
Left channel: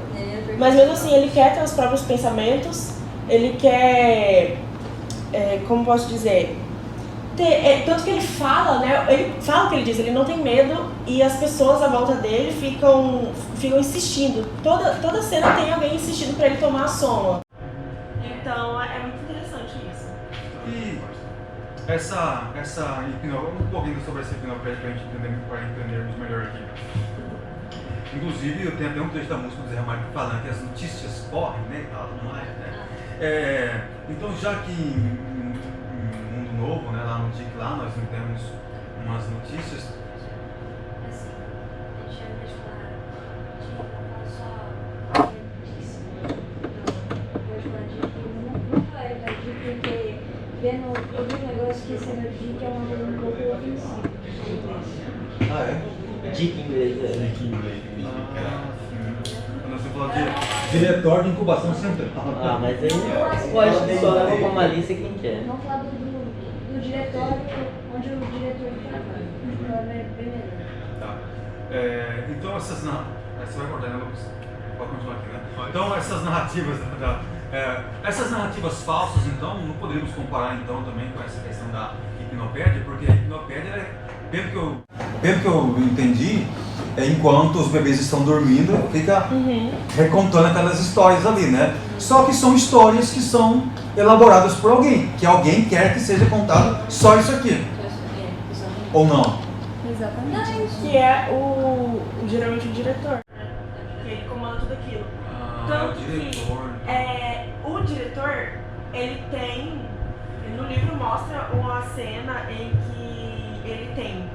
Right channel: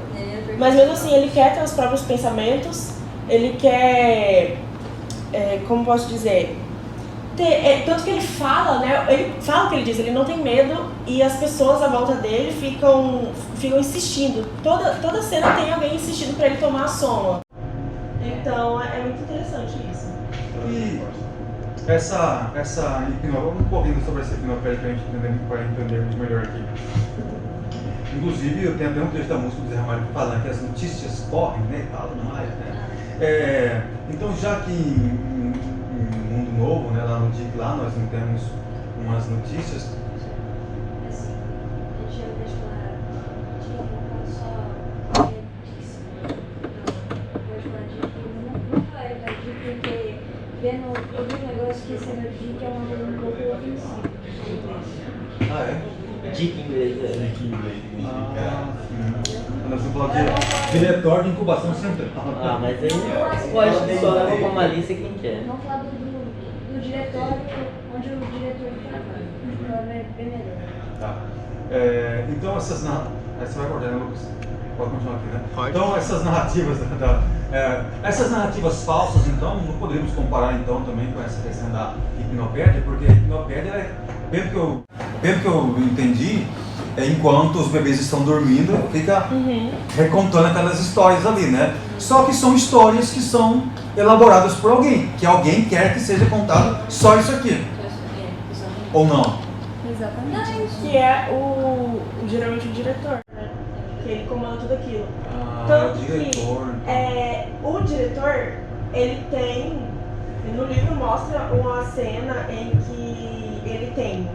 Mas mesmo assim, ele quer ter os próprios pensamentos, ele quer, como posso dizer, tanto que ele fala, né? Ele fala o que ele diz, ele não tem medo e as pessoas à volta dele ficam insistindo. Toda cena tem alguém insistindo para ele tomar a soma. Então é muito interessante isso. E essa um pouquinho sobre essa hipnopédia para entendermos melhor aqui. Inclusive, eu tenho até um trecho da música do Zé Ramalho falando que as notícias correm, né? Falam mais, né? Então, já que em Mundo Novo, né, lá no DIC, lá nós não temos umas notícias. Assim, a gente ao invés de falar DIC, não fala só notícia. Não, pode falar DIC, não fala da DIC porque eu vi um negócio que esse DIC é uma coisa um pouco ofensiva em inglês. Ah, é? Dica em inglês, Dica em inglês. Quando você falou de diretório de incubação central. mas aí pode só levar como malícia quem quer. Vamos falar do diretório, onde o diretor trabalha. É bem melhor. Tá. Então essas você vai cortar, né, Lucas? Pode continuar aqui, né? Pode. Então essas narrativas essas narrativas falsas, então, não poderíamos comparar então também com essa questão da hipnopédia, porque a hipnopédia, pelo que eu entendi, enquanto os bebês estão dormindo, fica recontando aquelas histórias ali, né? Só que são histórias que são elaboradas por alguém, que alguém quer que seja contado só isso aqui. Ou não? Exatamente. Que é geralmente o diretor, né? Que ele comanda tudo aquilo. Tanto o diretor. Que o diretor, ele tem, no livro mostra uma cena em que ele tem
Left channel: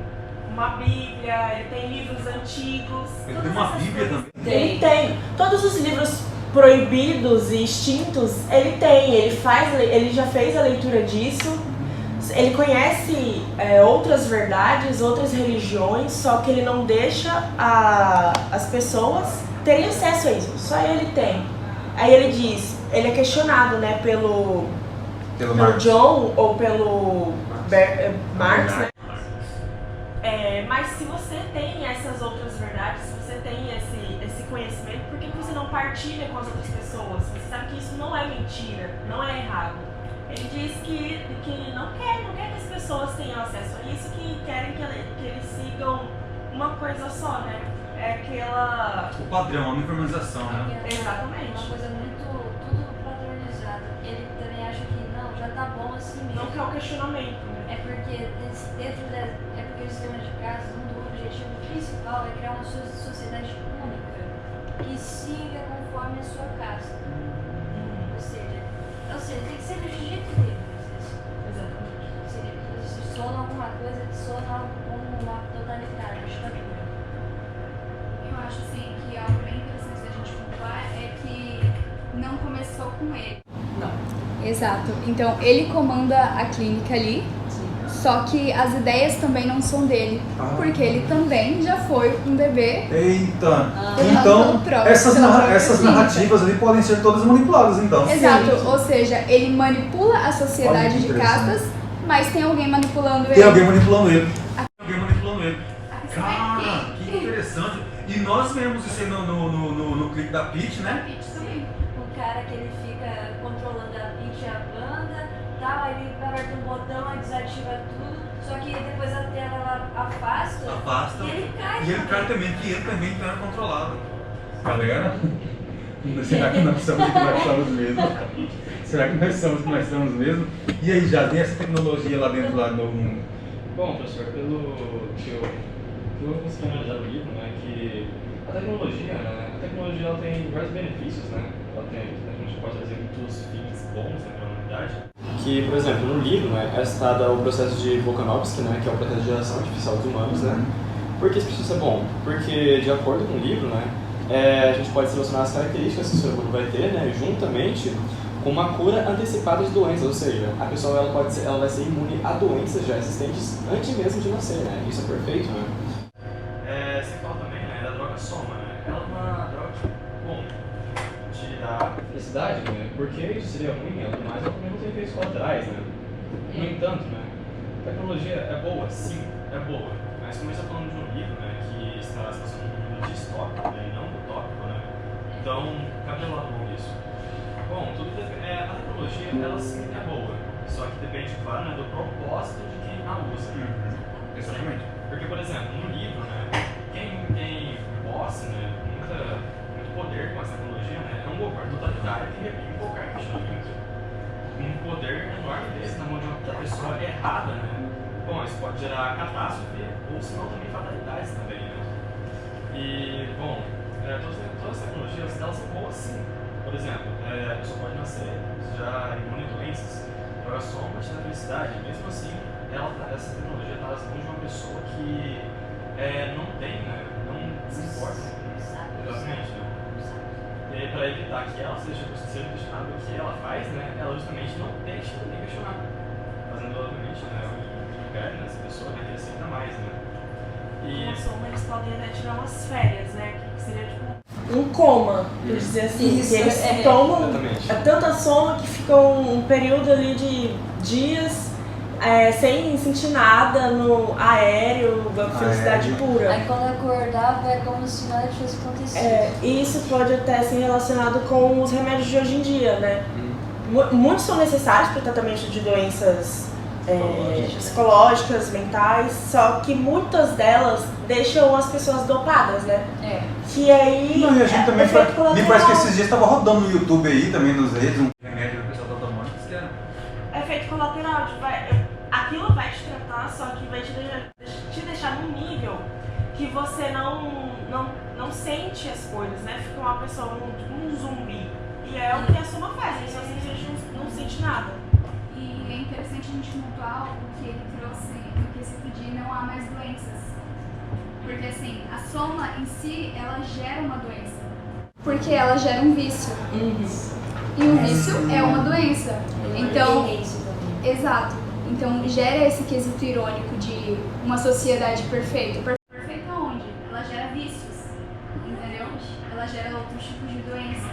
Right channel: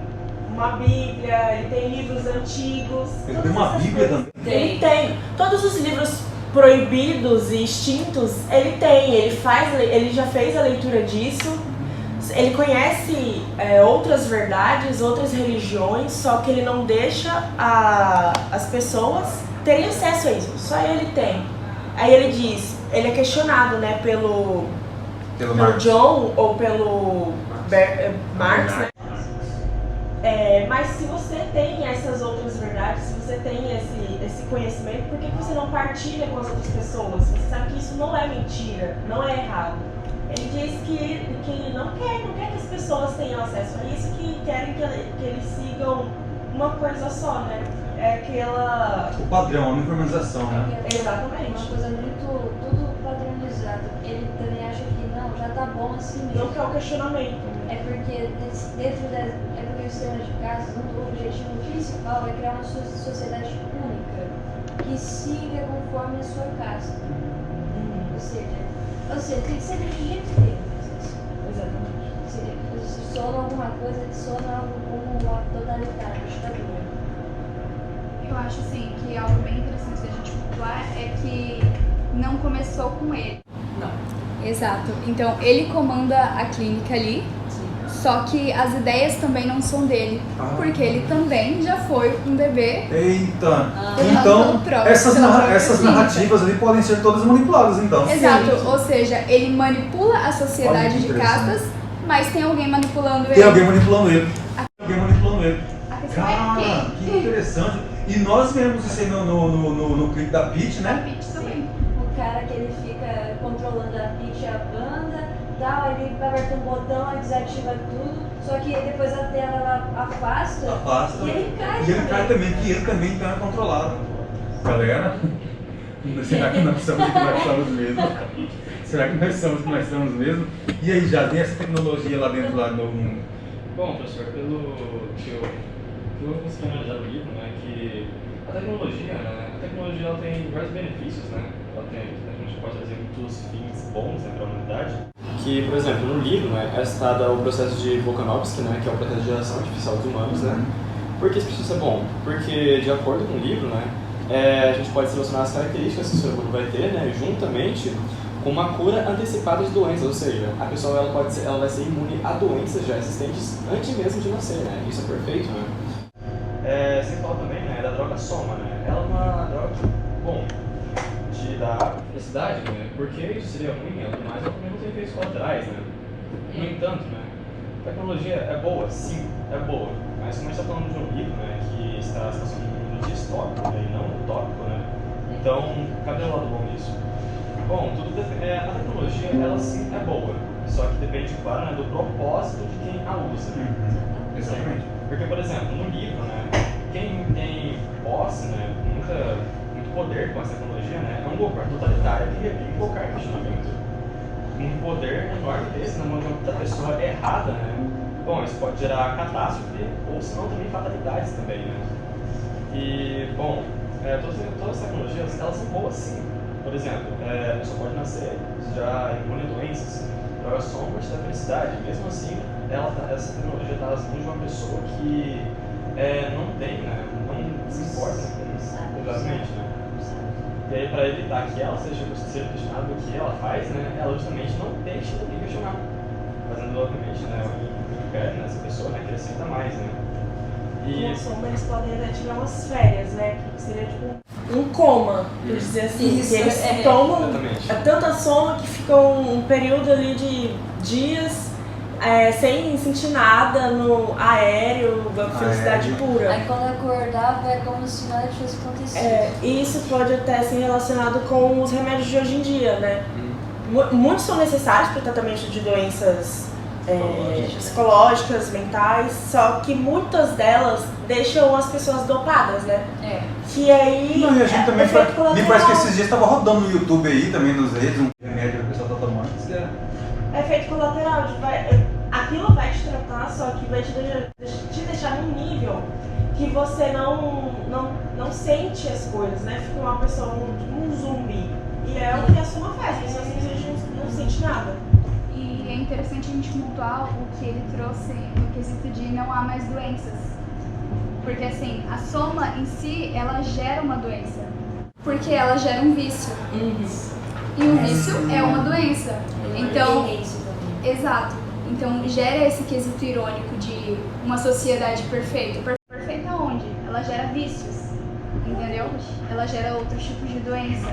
uma bíblia, ele tem livros antigos. Ele tem uma bíblia também? Ele tem. Todos os livros proibidos e extintos, ele tem. Ele já fez a leitura disso. Ele conhece outras verdades, outras religiões, só que ele não deixa as pessoas terem acesso a isso. Só ele tem. Aí ele diz, ele é questionado, né, pelo John ou pelo Marx, né? Mas se você tem essas outras verdades, se você tem esse conhecimento, por que você não partilha com as outras pessoas? Você sabe que isso não é mentira, não é errado. Ele diz que não quer que as pessoas tenham acesso a isso, que querem que eles sigam uma coisa só, né? É aquela... O padrão, a uniformização, né? Exatamente. Uma coisa muito, tudo padronizado. Ele também acha que não, já tá bom assim mesmo. Não quer o questionamento, né? É porque o sistema de casas, um do objetivo principal é criar uma sociedade única, que siga conforme a sua casta. Ou seja, tem que ser do jeito dele. Exatamente. Sona alguma coisa que sona algo como uma totalitária, uma ditadura. Eu acho assim que algo bem interessante da gente pontuar é que não começou com ele. Não. Exato. Então ele comanda a clínica ali, só que as ideias também não são dele, porque ele também já foi um bebê. Eita! Então, essas narrativas ali podem ser todas manipuladas, então. Exato, ou seja, ele manipula a sociedade de castas, mas tem alguém manipulando ele. Tem alguém manipulando ele. A questão é Cara, quem? que interessante. E nós vemos isso aí no clipe da Peach, né? Peach também. O cara que ele fica controlando a Peach e a banda, tal, ele aperta um botão e desativa tudo, só que depois a tela ela afasta e ele cai E ele cai também, que ele também então é controlado. Galera, será que nós somos o que nós somos mesmo? Será que nós somos o que nós somos mesmo? E aí, já tem essa tecnologia lá dentro lá no... Bom, professor, pelo que eu consegui analisar no livro, né, que a tecnologia ela tem vários benefícios, né? A gente pode trazer muitos fins bons, né, para a humanidade. Que, por exemplo, no livro, né, é citado o processo de Volkanovski, né, que é o processo de geração artificial dos humanos, né? Por que esse processo é bom? Porque, de acordo com o livro, né, a gente pode selecionar as características que o ser humano vai ter, né, juntamente com uma cura antecipada de doenças, ou seja, a pessoa ela vai ser imune a doenças já existentes antes mesmo de nascer, né? Isso é perfeito, né? Sem falar também, né, da droga soma, né? Ela é uma droga que, bom, te dá felicidade, né? Porque isso seria ruim, mas ela também não tem efeitos colaterais, né? No entanto, né, a tecnologia é boa, sim, é boa, mas como a gente está falando de um livro, né, que está sendo um livro distópico, né, e não utópico, né? Então, cadê o lado bom disso? Bom, a tecnologia, ela sim é boa, só que depende, claro, né, do propósito de quem a usa. Exatamente. Porque, por exemplo, no livro, né, quem tem posse, né, muito poder com essa tecnologia, né, é um governo totalitário que reprime qualquer questionamento. Um poder enorme desse na mão da pessoa errada, né, bom, isso pode gerar catástrofe ou, se não, também fatalidades também, né. E, bom, todas as tecnologias, elas são boas, sim. Por exemplo, a pessoa pode nascer já imune a doenças, drogas sombras da felicidade. Mesmo assim, essa tecnologia está nas mãos de uma pessoa que não tem, né, não se importa com exatamente, né? E aí, para evitar que ela seja questionada do que ela faz, né, ela justamente não deixa ninguém questionar, fazendo, obviamente, né, o império nessa pessoa, né, crescer ainda mais, né? Com a sombra eles podem até tirar umas férias, né? Que seria tipo um coma, por dizer assim. Isso, eles tomam tanta soma que ficam um período ali de dias sem sentir nada no aéreo, da felicidade pura. Aí quando acordava é como se nada tivesse acontecido. E isso pode até ser relacionado com os remédios de hoje em dia, né? Muitos são necessários para o tratamento de doenças psicológicas, mentais, só que muitas delas deixam as pessoas dopadas, né? Que aí. Não, e a gente também efeito colateral. me parece que esses dias estava rodando no YouTube aí, também nos redes, um remédio que o pessoal tá tomando, que é... Efeito colateral, aquilo vai te tratar, só que vai te deixar num nível que você não sente as coisas, né? Fica uma pessoa, um zumbi. E é o que a soma faz, você não sente nada. E é interessante a gente pontuar o que ele trouxe no quesito de não há mais doenças. Porque assim, a soma em si, ela gera uma doença. Porque ela gera um vício. E o vício é uma doença. Então, exato. Então gera esse quesito irônico de uma sociedade perfeita. Perfeita onde? Ela gera vícios. Entendeu? Ela gera outros tipos de doença.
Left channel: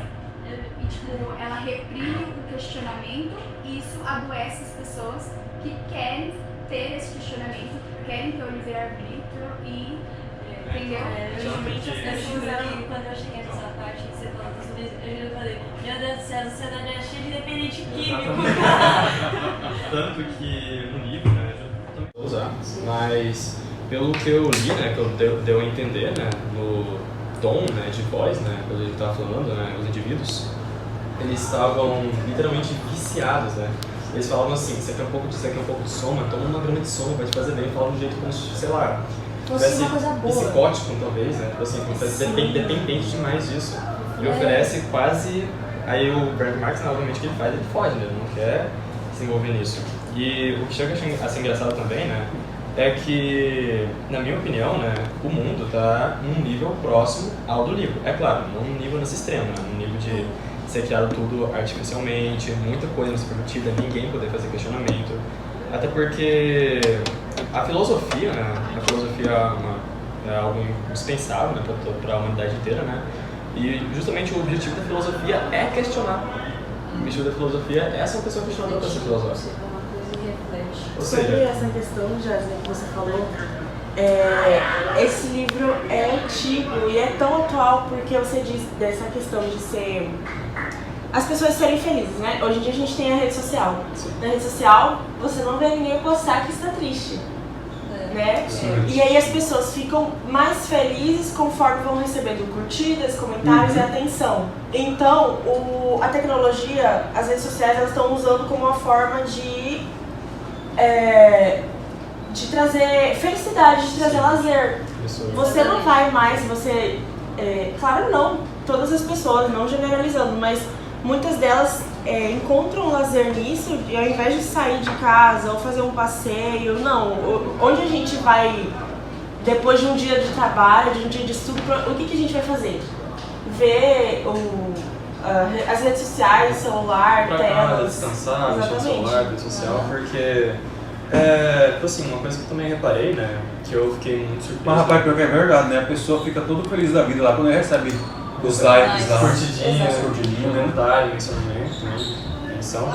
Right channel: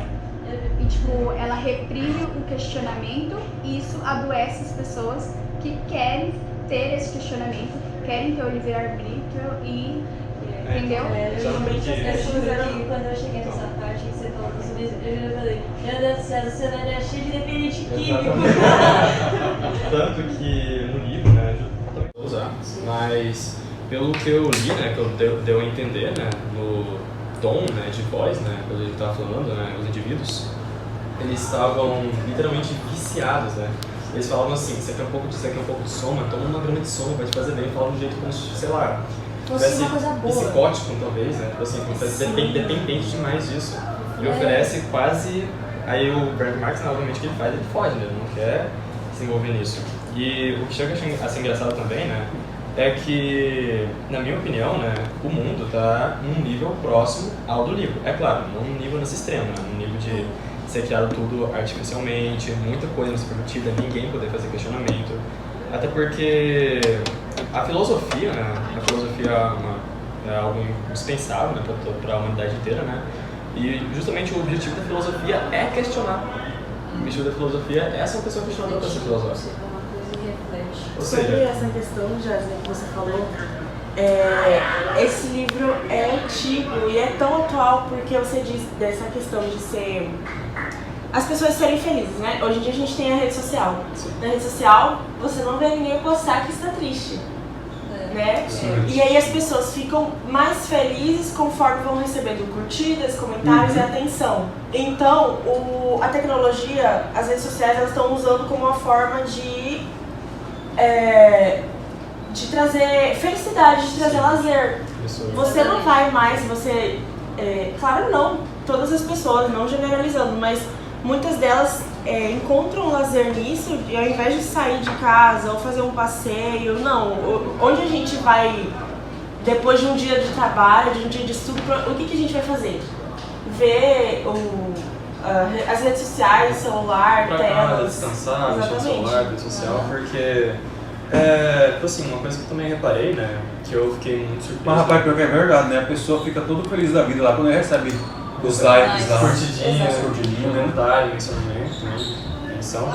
E tipo, ela reprime o questionamento e isso adoece as pessoas que querem ter esse questionamento, querem ter o livre-arbítrio e... entendeu? Geralmente as pessoas aqui, quando eu cheguei nessa parte que você falou dos zumbis, eu já falei, meu Deus do céu, a sociedade é cheia de dependente químico. Tanto que no livro, né, eu também vou usar, mas pelo que eu li, né, que eu deu a entender, né, no tom, né, de voz, né, quando a gente estava falando, né, os indivíduos, eles estavam literalmente viciados, né. Eles falavam assim, isso aqui é um pouco de soma, toma uma grama de soma, vai te fazer bem. Falavam de um jeito como se, sei lá, fosse uma coisa boa. Psicótico, talvez, né, tipo assim, dependente demais disso. E oferece quase, aí o Bernd Marx, novamente, o que ele faz, ele foge, né, ele não quer se envolver nisso. E o que chega a ser engraçado também, né, é que, na minha opinião, né, o mundo está num nível próximo ao do livro. É claro, não num nível nesse extremo, né, num nível de ser criado tudo artificialmente, muita coisa não ser permitida, ninguém poder fazer questionamento. Até porque a filosofia, né, é algo indispensável, né, para a humanidade inteira, né, e justamente o objetivo da filosofia é questionar. O objetivo da filosofia é ser uma pessoa questionadora para ser filosófica. Ou Sobre seja, essa questão, Jasmine, que você falou, esse livro é antigo e é tão atual porque você diz dessa questão de ser... as pessoas serem felizes, né? Hoje em dia a gente tem a rede social. Na rede social, você não vê ninguém postar que está triste, né? E aí as pessoas ficam mais felizes conforme vão recebendo curtidas, comentários e atenção. Então, a tecnologia, as redes sociais, elas estão usando como uma forma de trazer felicidade, de trazer lazer. Você não vai mais, claro não, todas as pessoas, não generalizando, mas muitas delas encontram lazer nisso e ao invés de sair de casa ou fazer um passeio, não. Onde a gente vai, depois de um dia de trabalho, de um dia de estudo, o que a gente vai fazer? Ver as redes sociais, celular, pra telas. descansar, mexer no celular, rede social, porque assim, uma coisa que eu também reparei, né, que eu fiquei muito surpreso. Mas rapaz, pior que é verdade, né? A pessoa fica todo feliz da vida lá quando ele recebe os likes lá, curtidinhas, né? comentário, mencionamento, né, menção.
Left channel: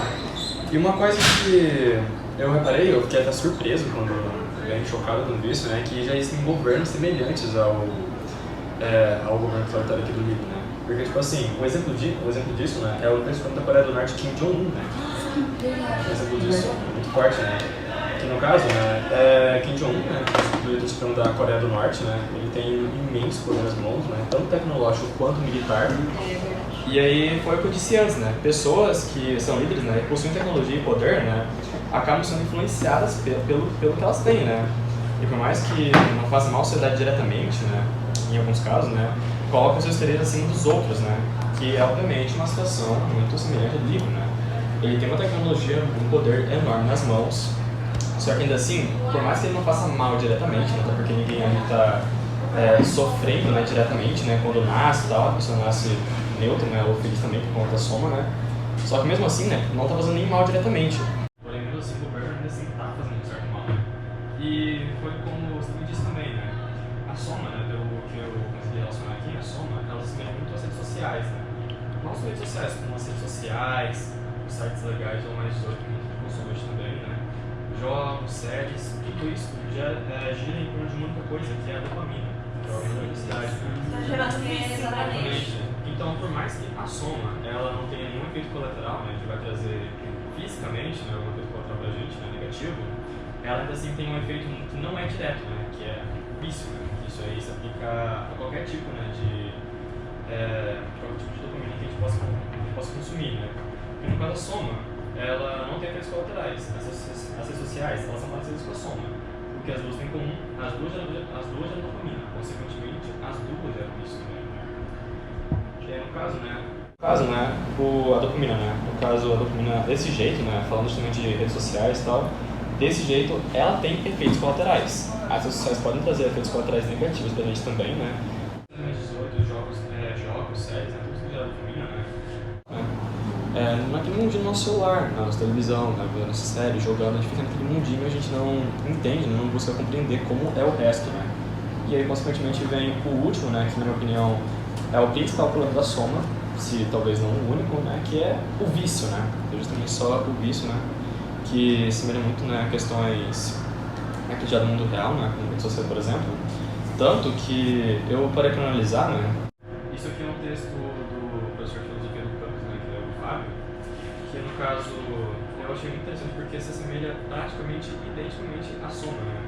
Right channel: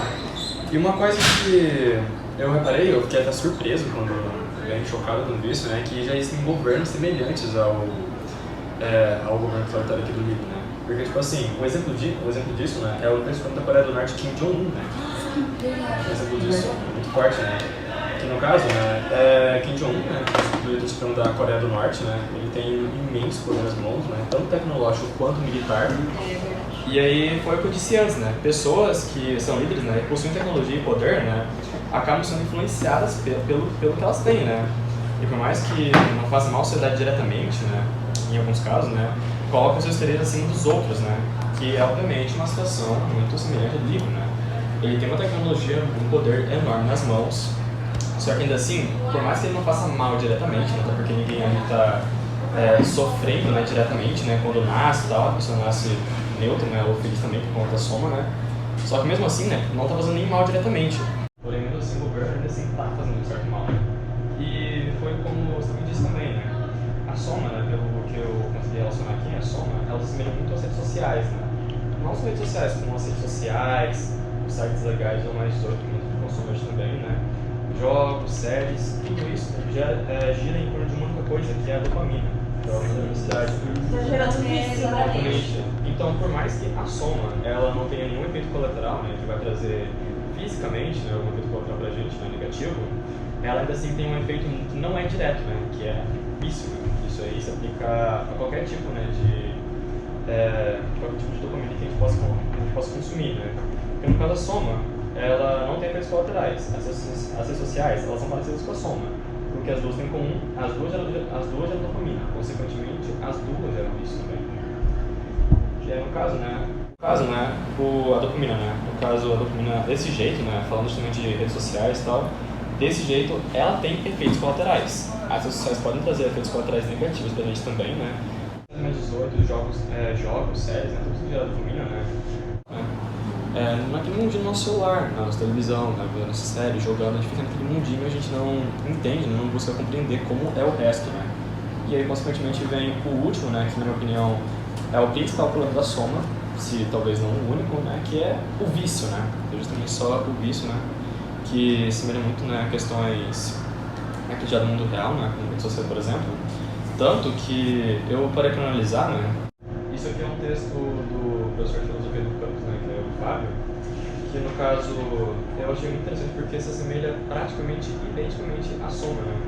E uma coisa que eu reparei, eu fiquei até surpreso quando bem chocado com isso, né, que já existem governos semelhantes ao governo que foi aqui do livro, né. Porque, tipo assim, um exemplo disso, né, é o presidente da Coreia do Norte, Kim Jong-un, né. Um exemplo disso muito forte, né. Que no caso, né, Kim Jong-un, né, o líder supremo da Coreia do Norte, né, ele tem um imenso poder nas mãos, né, tanto tecnológico quanto militar. E aí foi o que eu disse antes, né, pessoas que são líderes, né, que possuem tecnologia e poder, né, acabam sendo influenciadas pelo que elas têm, né. E por mais que não faça mal à sociedade diretamente, né, em alguns casos, né, colocam seus interesses acima dos outros, né, que é obviamente uma situação muito semelhante ao do livro, né. Ele tem uma tecnologia, um poder enorme nas mãos. Só que ainda assim, por mais que ele não faça mal diretamente, né, até porque ninguém ali está sofrendo, né, diretamente, né, quando nasce e tal, a pessoa nasce neutro, né, ou feliz também por conta da soma, né, só que mesmo assim, né, não está fazendo nem mal diretamente. Porém, mesmo assim, o governo ainda assim está fazendo um certo mal. E foi como você também disse também, né, a soma, né, pelo que eu consegui relacionar aqui, a soma, ela se assemelha muito às redes sociais, né, não as redes sociais, como as redes sociais, os sites legais ou mais 18 que muito consome hoje também, né, jogos, séries, tudo isso já gira em torno de uma única coisa, que é a dopamina, que é a hormônio da felicidade. Tá gerando vício, Exatamente. Então, por mais que a soma ela não tenha nenhum efeito colateral, né, que vai trazer fisicamente, né, algum efeito colateral pra gente, né, negativo, ela ainda assim tem um efeito que não é direto, né, que é o vício, né. Isso aí se aplica a qualquer tipo, né, de dopamina que a gente possa consumir, né. Porque no caso da soma, ela não tem efeitos colaterais. As redes sociais, elas são parecidas com a soma, porque as duas têm em comum, as duas geram dopamina, consequentemente, as duas geram isso também. Que é no caso, a dopamina, né, no caso, a dopamina desse jeito, né, falando justamente de redes sociais e tal, desse jeito, ela tem efeitos colaterais. As redes sociais podem trazer efeitos colaterais negativos pra gente também, né. Mais 18, jogos, séries, né, tudo isso que gera dopamina, né. Naquele mundinho no nosso celular, na nossa televisão, vendo essa série, jogando, a gente fica naquele mundinho e a gente não entende, não busca compreender como é o resto, né? E aí, consequentemente, vem o último, né, que na minha opinião é o principal problema da soma, se talvez não o único, né, que é o vício, né? É justamente só o vício, né, que se semelha muito, né, a questões aqui já do mundo real, né, como rede social, por exemplo. Tanto que eu parei para analisar, né, isso aqui é um texto do professor de filosofia do campus, né, que é o Fábio, que no caso eu achei muito interessante porque se assemelha praticamente identicamente à soma, né.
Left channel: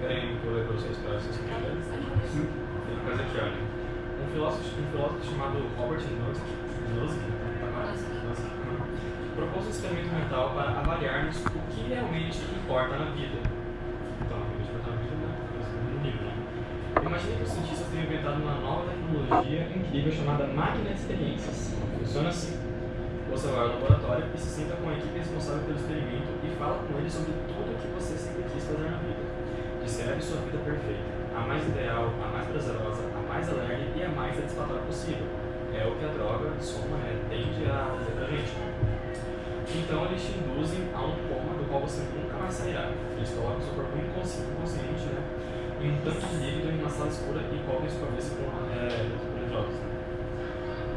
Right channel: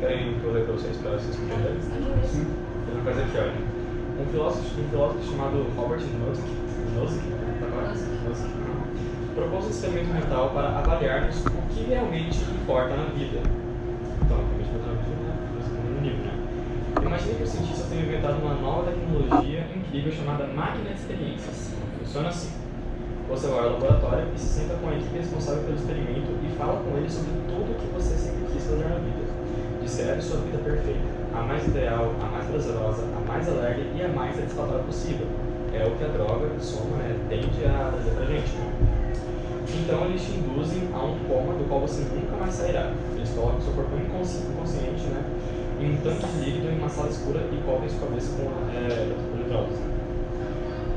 Querem que eu leia para vocês entenderem? Sim. Tem uma coisa aqui, olha. Um filósofo chamado Robert Nozick propôs um experimento mental para avaliarmos o que realmente importa na vida. Então, o que realmente importa na vida, né, no livro, né. Imagine que os cientistas tenham inventado uma nova tecnologia incrível chamada máquina de experiências. Funciona assim. Você vai ao laboratório e se senta com a equipe responsável pelo experimento e fala com eles sobre tudo o que você sempre quis fazer na vida. Descreve sua vida perfeita, a mais ideal, a mais prazerosa, a mais alegre e a mais satisfatória possível. É o que a droga, soma, né, tende a fazer pra gente, né? Então eles te induzem a um coma do qual você nunca mais sairá. Eles colocam seu corpo inconsciente, né, em um tanque de líquido em uma sala escura e cobrem sua cabeça com eletródos, né?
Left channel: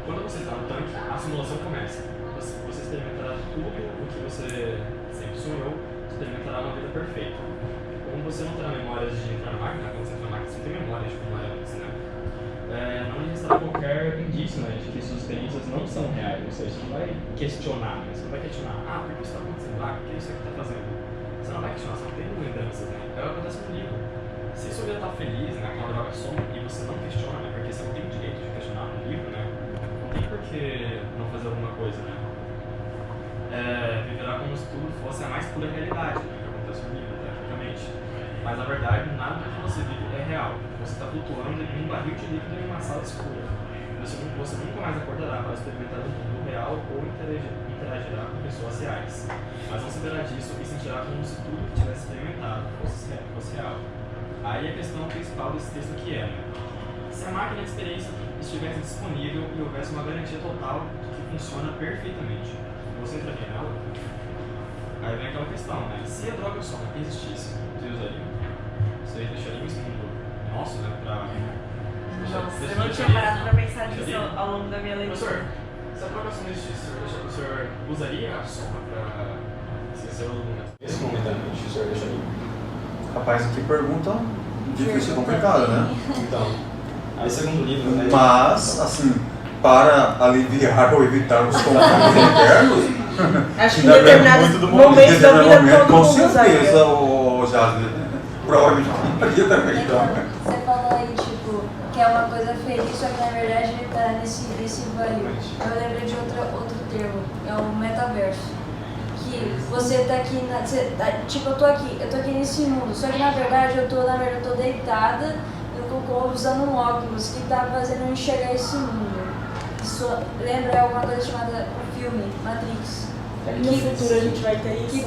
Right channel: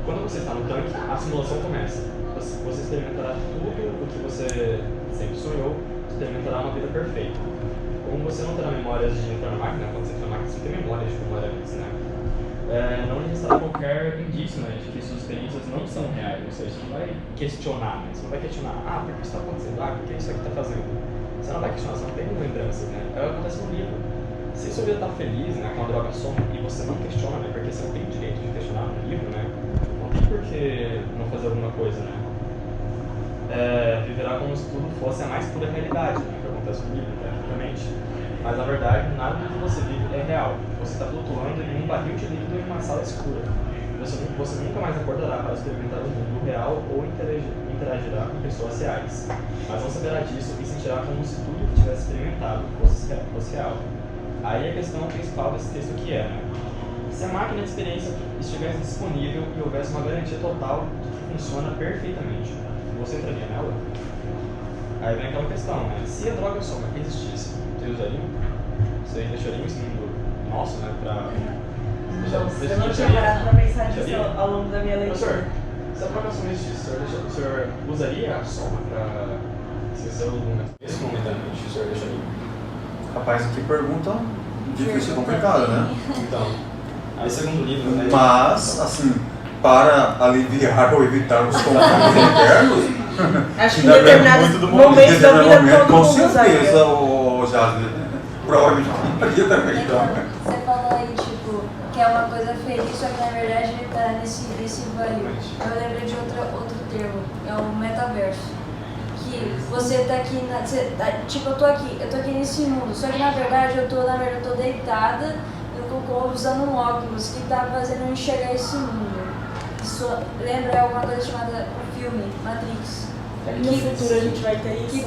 Quando você está no tanque, a simulação começa. Você experimentará tudo o que você sempre sonhou, experimentará uma vida perfeita. Como você não terá memórias de entrar na máquina, quando você entra na máquina você tem memórias de como era antes, né? Não lhe restará qualquer indício, né, de que suas experiências não são reais, ou seja, você não vai questionar, né? Você não vai questionar, por que isso está acontecendo? Por que isso aqui está fazendo? Você não vai questionar, você não tem lembranças, né? É o que acontece no livro. Se sua vida está feliz, né, com a droga soma, e você não questiona, né, porque você não tem direito de questionar no livro, né, não tem por que não fazer alguma coisa, né? Viverá como se tudo fosse a mais pura realidade, né, que acontece no livro, tecnicamente. Mas na verdade, nada do que você vive é real. Você está flutuando em um barril de líquido em uma sala escura. Você nunca mais acordará para experimentar o mundo real ou interagirá com pessoas reais. Mas não saberá disso e sentirá como se tudo que tivesse experimentado fosse real. Aí a questão principal desse texto aqui é, né? Se a máquina de experiência estivesse disponível e houvesse uma garantia total de que funciona perfeitamente, você entraria nela? Aí vem aquela questão, né? Se a droga soma existisse, vocês usariam? Vocês deixariam esse mundo nosso, né? Eu não tinha parado pra pensar nisso ao longo da minha leitura. Professor, se a droga soma existisse, o senhor usaria a soma pra esquecer o momento? Esse momentaneamente, o senhor deixaria? Rapaz, que pergunta difícil e complicada, né? Então, aí segundo livro, né? Mas, assim, para aliviar ou evitar os conflitos internos, acho que em determinados momentos da vida todo com mundo usaria. certeza, o Jasmine, provavelmente eu também. Você falou aí, tipo, que é uma coisa feliz, só que na verdade ele tá nesse barril. Eu lembrei de outro termo, é o metaverso. Que você tá aqui, tipo, eu tô aqui nesse mundo, só que na verdade eu tô deitada, eu tô usando um óculos que tá fazendo eu enxergar esse mundo. Isso lembra alguma coisa chamada o filme Matrix. No futuro a gente vai ter isso,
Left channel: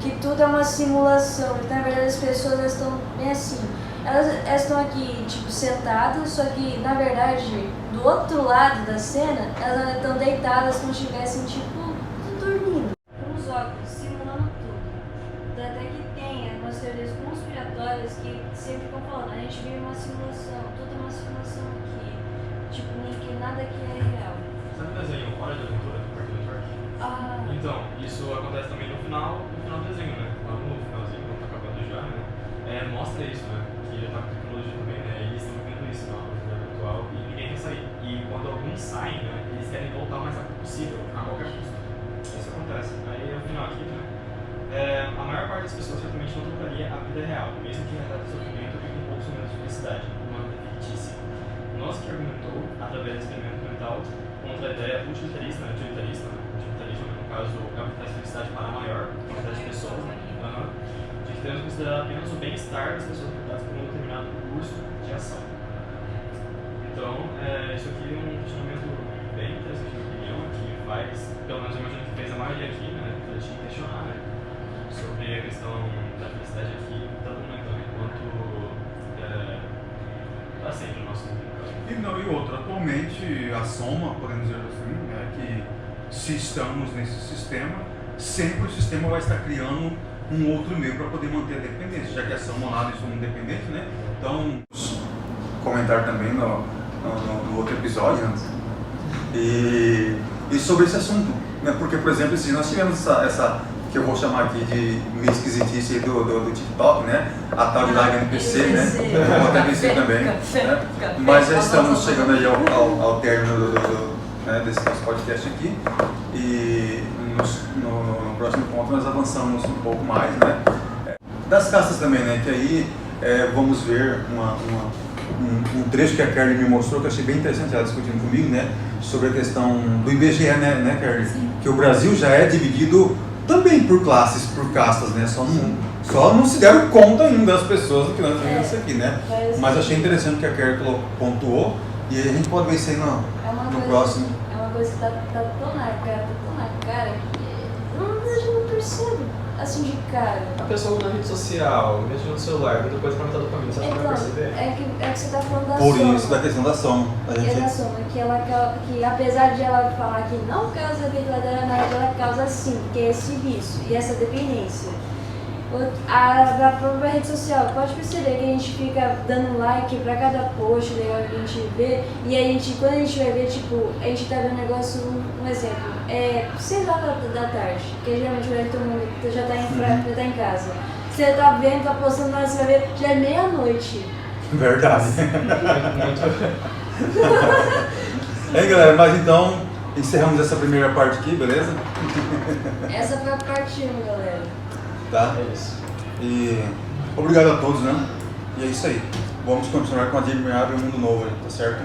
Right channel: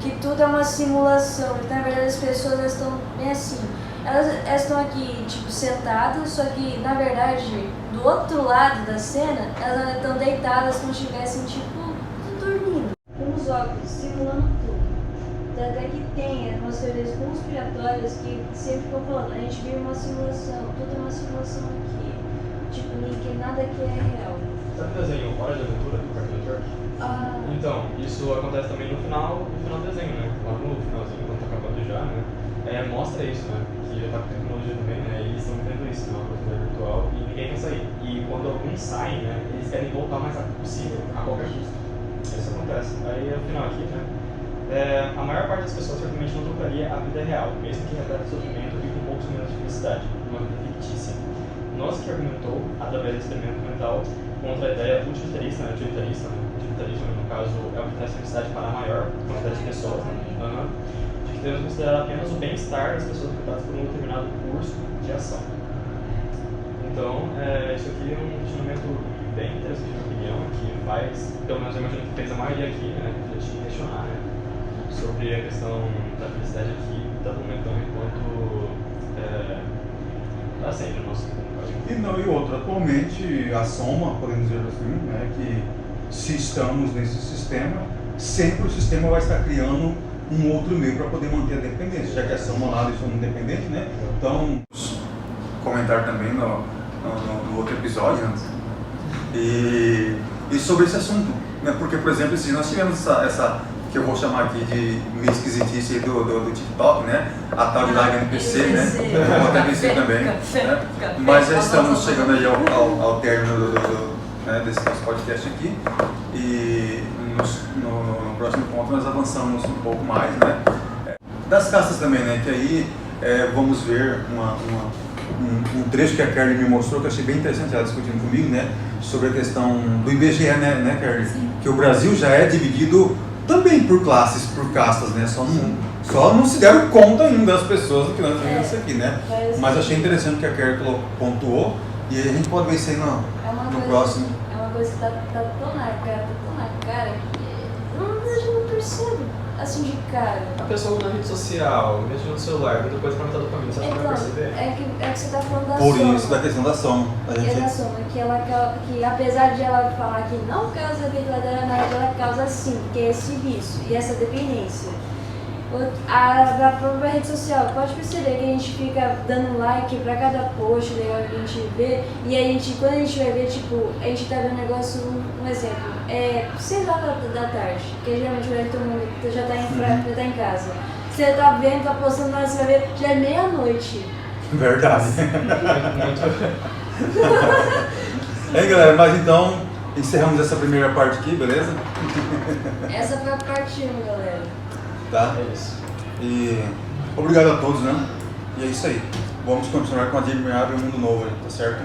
que tudo é uma simulação. Então, na verdade as pessoas estão bem assim. Elas estão aqui, tipo, sentadas, só que na verdade, do outro lado da cena, elas estão deitadas como se estivessem, tipo, dormindo. Com os óculos, simulando tudo. Tanto é que tem umas teorias conspiratórias que sempre ficam falando, a gente vive uma simulação, tudo é uma simulação aqui. Tipo, nada aqui é real. Sabe o desenho Hora de Aventura do Cartoon Network? Então, isso acontece também no final do desenho, né? Lá no finalzinho, quando tá acabando já, né? Mostra isso, né? Que já tá com tecnologia também, né? E eles estão vendo isso na realidade virtual e ninguém quer sair. E quando alguns saem, né? Eles querem voltar o mais rápido possível, a qualquer custo. Isso acontece. Aí, no final aqui, né? A maior parte das pessoas certamente não trocaria a vida real, mesmo que repleta de sofrimento e com poucos minutos de felicidade, numa vida fictícia. Nossa que argumentou, através do experimento mental, contra a ideia utilitarista, né? Utilitarismo, no caso, é o que traz felicidade para a maior quantidade de pessoas, né? De que devemos considerar apenas o bem-estar das pessoas afetadas por um determinado curso de ação. Então, isso aqui é um questionamento bem interessante, na minha opinião, que faz, pelo menos eu imagino que fez a maioria aqui, né? Refletir e questionar, né? Sobre a questão da felicidade aqui, tanto momentânea quanto para sempre no nosso mundo. E outro, atualmente a soma, podemos dizer assim, é que se estamos nesse sistema, sempre o sistema vai estar criando um outro meio para poder manter a dependência, já que a soma lá deixou independente, né? Então, comentar também no outro episódio, né? E sobre esse assunto, né? Porque, por exemplo, se nós tivemos essa que eu vou chamar aqui de meio esquisitice do TikTok, né? A tal de live NPC, né? Eu vou até NPC também, né? Mas já estamos chegando aí ao término né, desse nosso podcast aqui e no próximo ponto nós avançamos um pouco mais, né? Das castas também, né? Que aí vamos ver um trecho que a Kerly me mostrou que eu achei bem interessante, ela discutindo comigo, né? Sobre a questão do IBGE, né Kerly? Sim. Que o Brasil já é dividido também por classes, por castas, né? Só não se deram conta ainda das pessoas do que nós vimos isso aqui, né? Mas achei interessante que a Kerry pontuou e a gente pode ver isso aí no próximo. É uma coisa que tá tão na cara que eu já não percebo, assim, de cara. A pessoa na rede social, mexendo no celular, muita coisa pra aumentar a dopamina, você acha que vai perceber? É que você tá falando da Por soma. isso, da questão da soma. É da soma, que apesar de ela falar que não causa efeito colateral, na verdade ela causa sim, que é esse vício e essa dependência. A própria rede social, pode perceber que a gente fica dando like pra cada post legal que a gente vê, e a gente, quando a gente vai ver, tipo, a gente tá vendo um negócio, um exemplo, 6 horas da tarde, que geralmente todo mundo já tá em casa. Você tá vendo, tá postando, mas você vai ver, já é meia-noite. Verdade. Galera, mas então encerramos essa primeira parte aqui, beleza? Essa foi a parte 1, galera. Tá? É isso. E obrigado a todos, né? E é isso aí. Vamos continuar com a Admirável Mundo Novo, tá certo?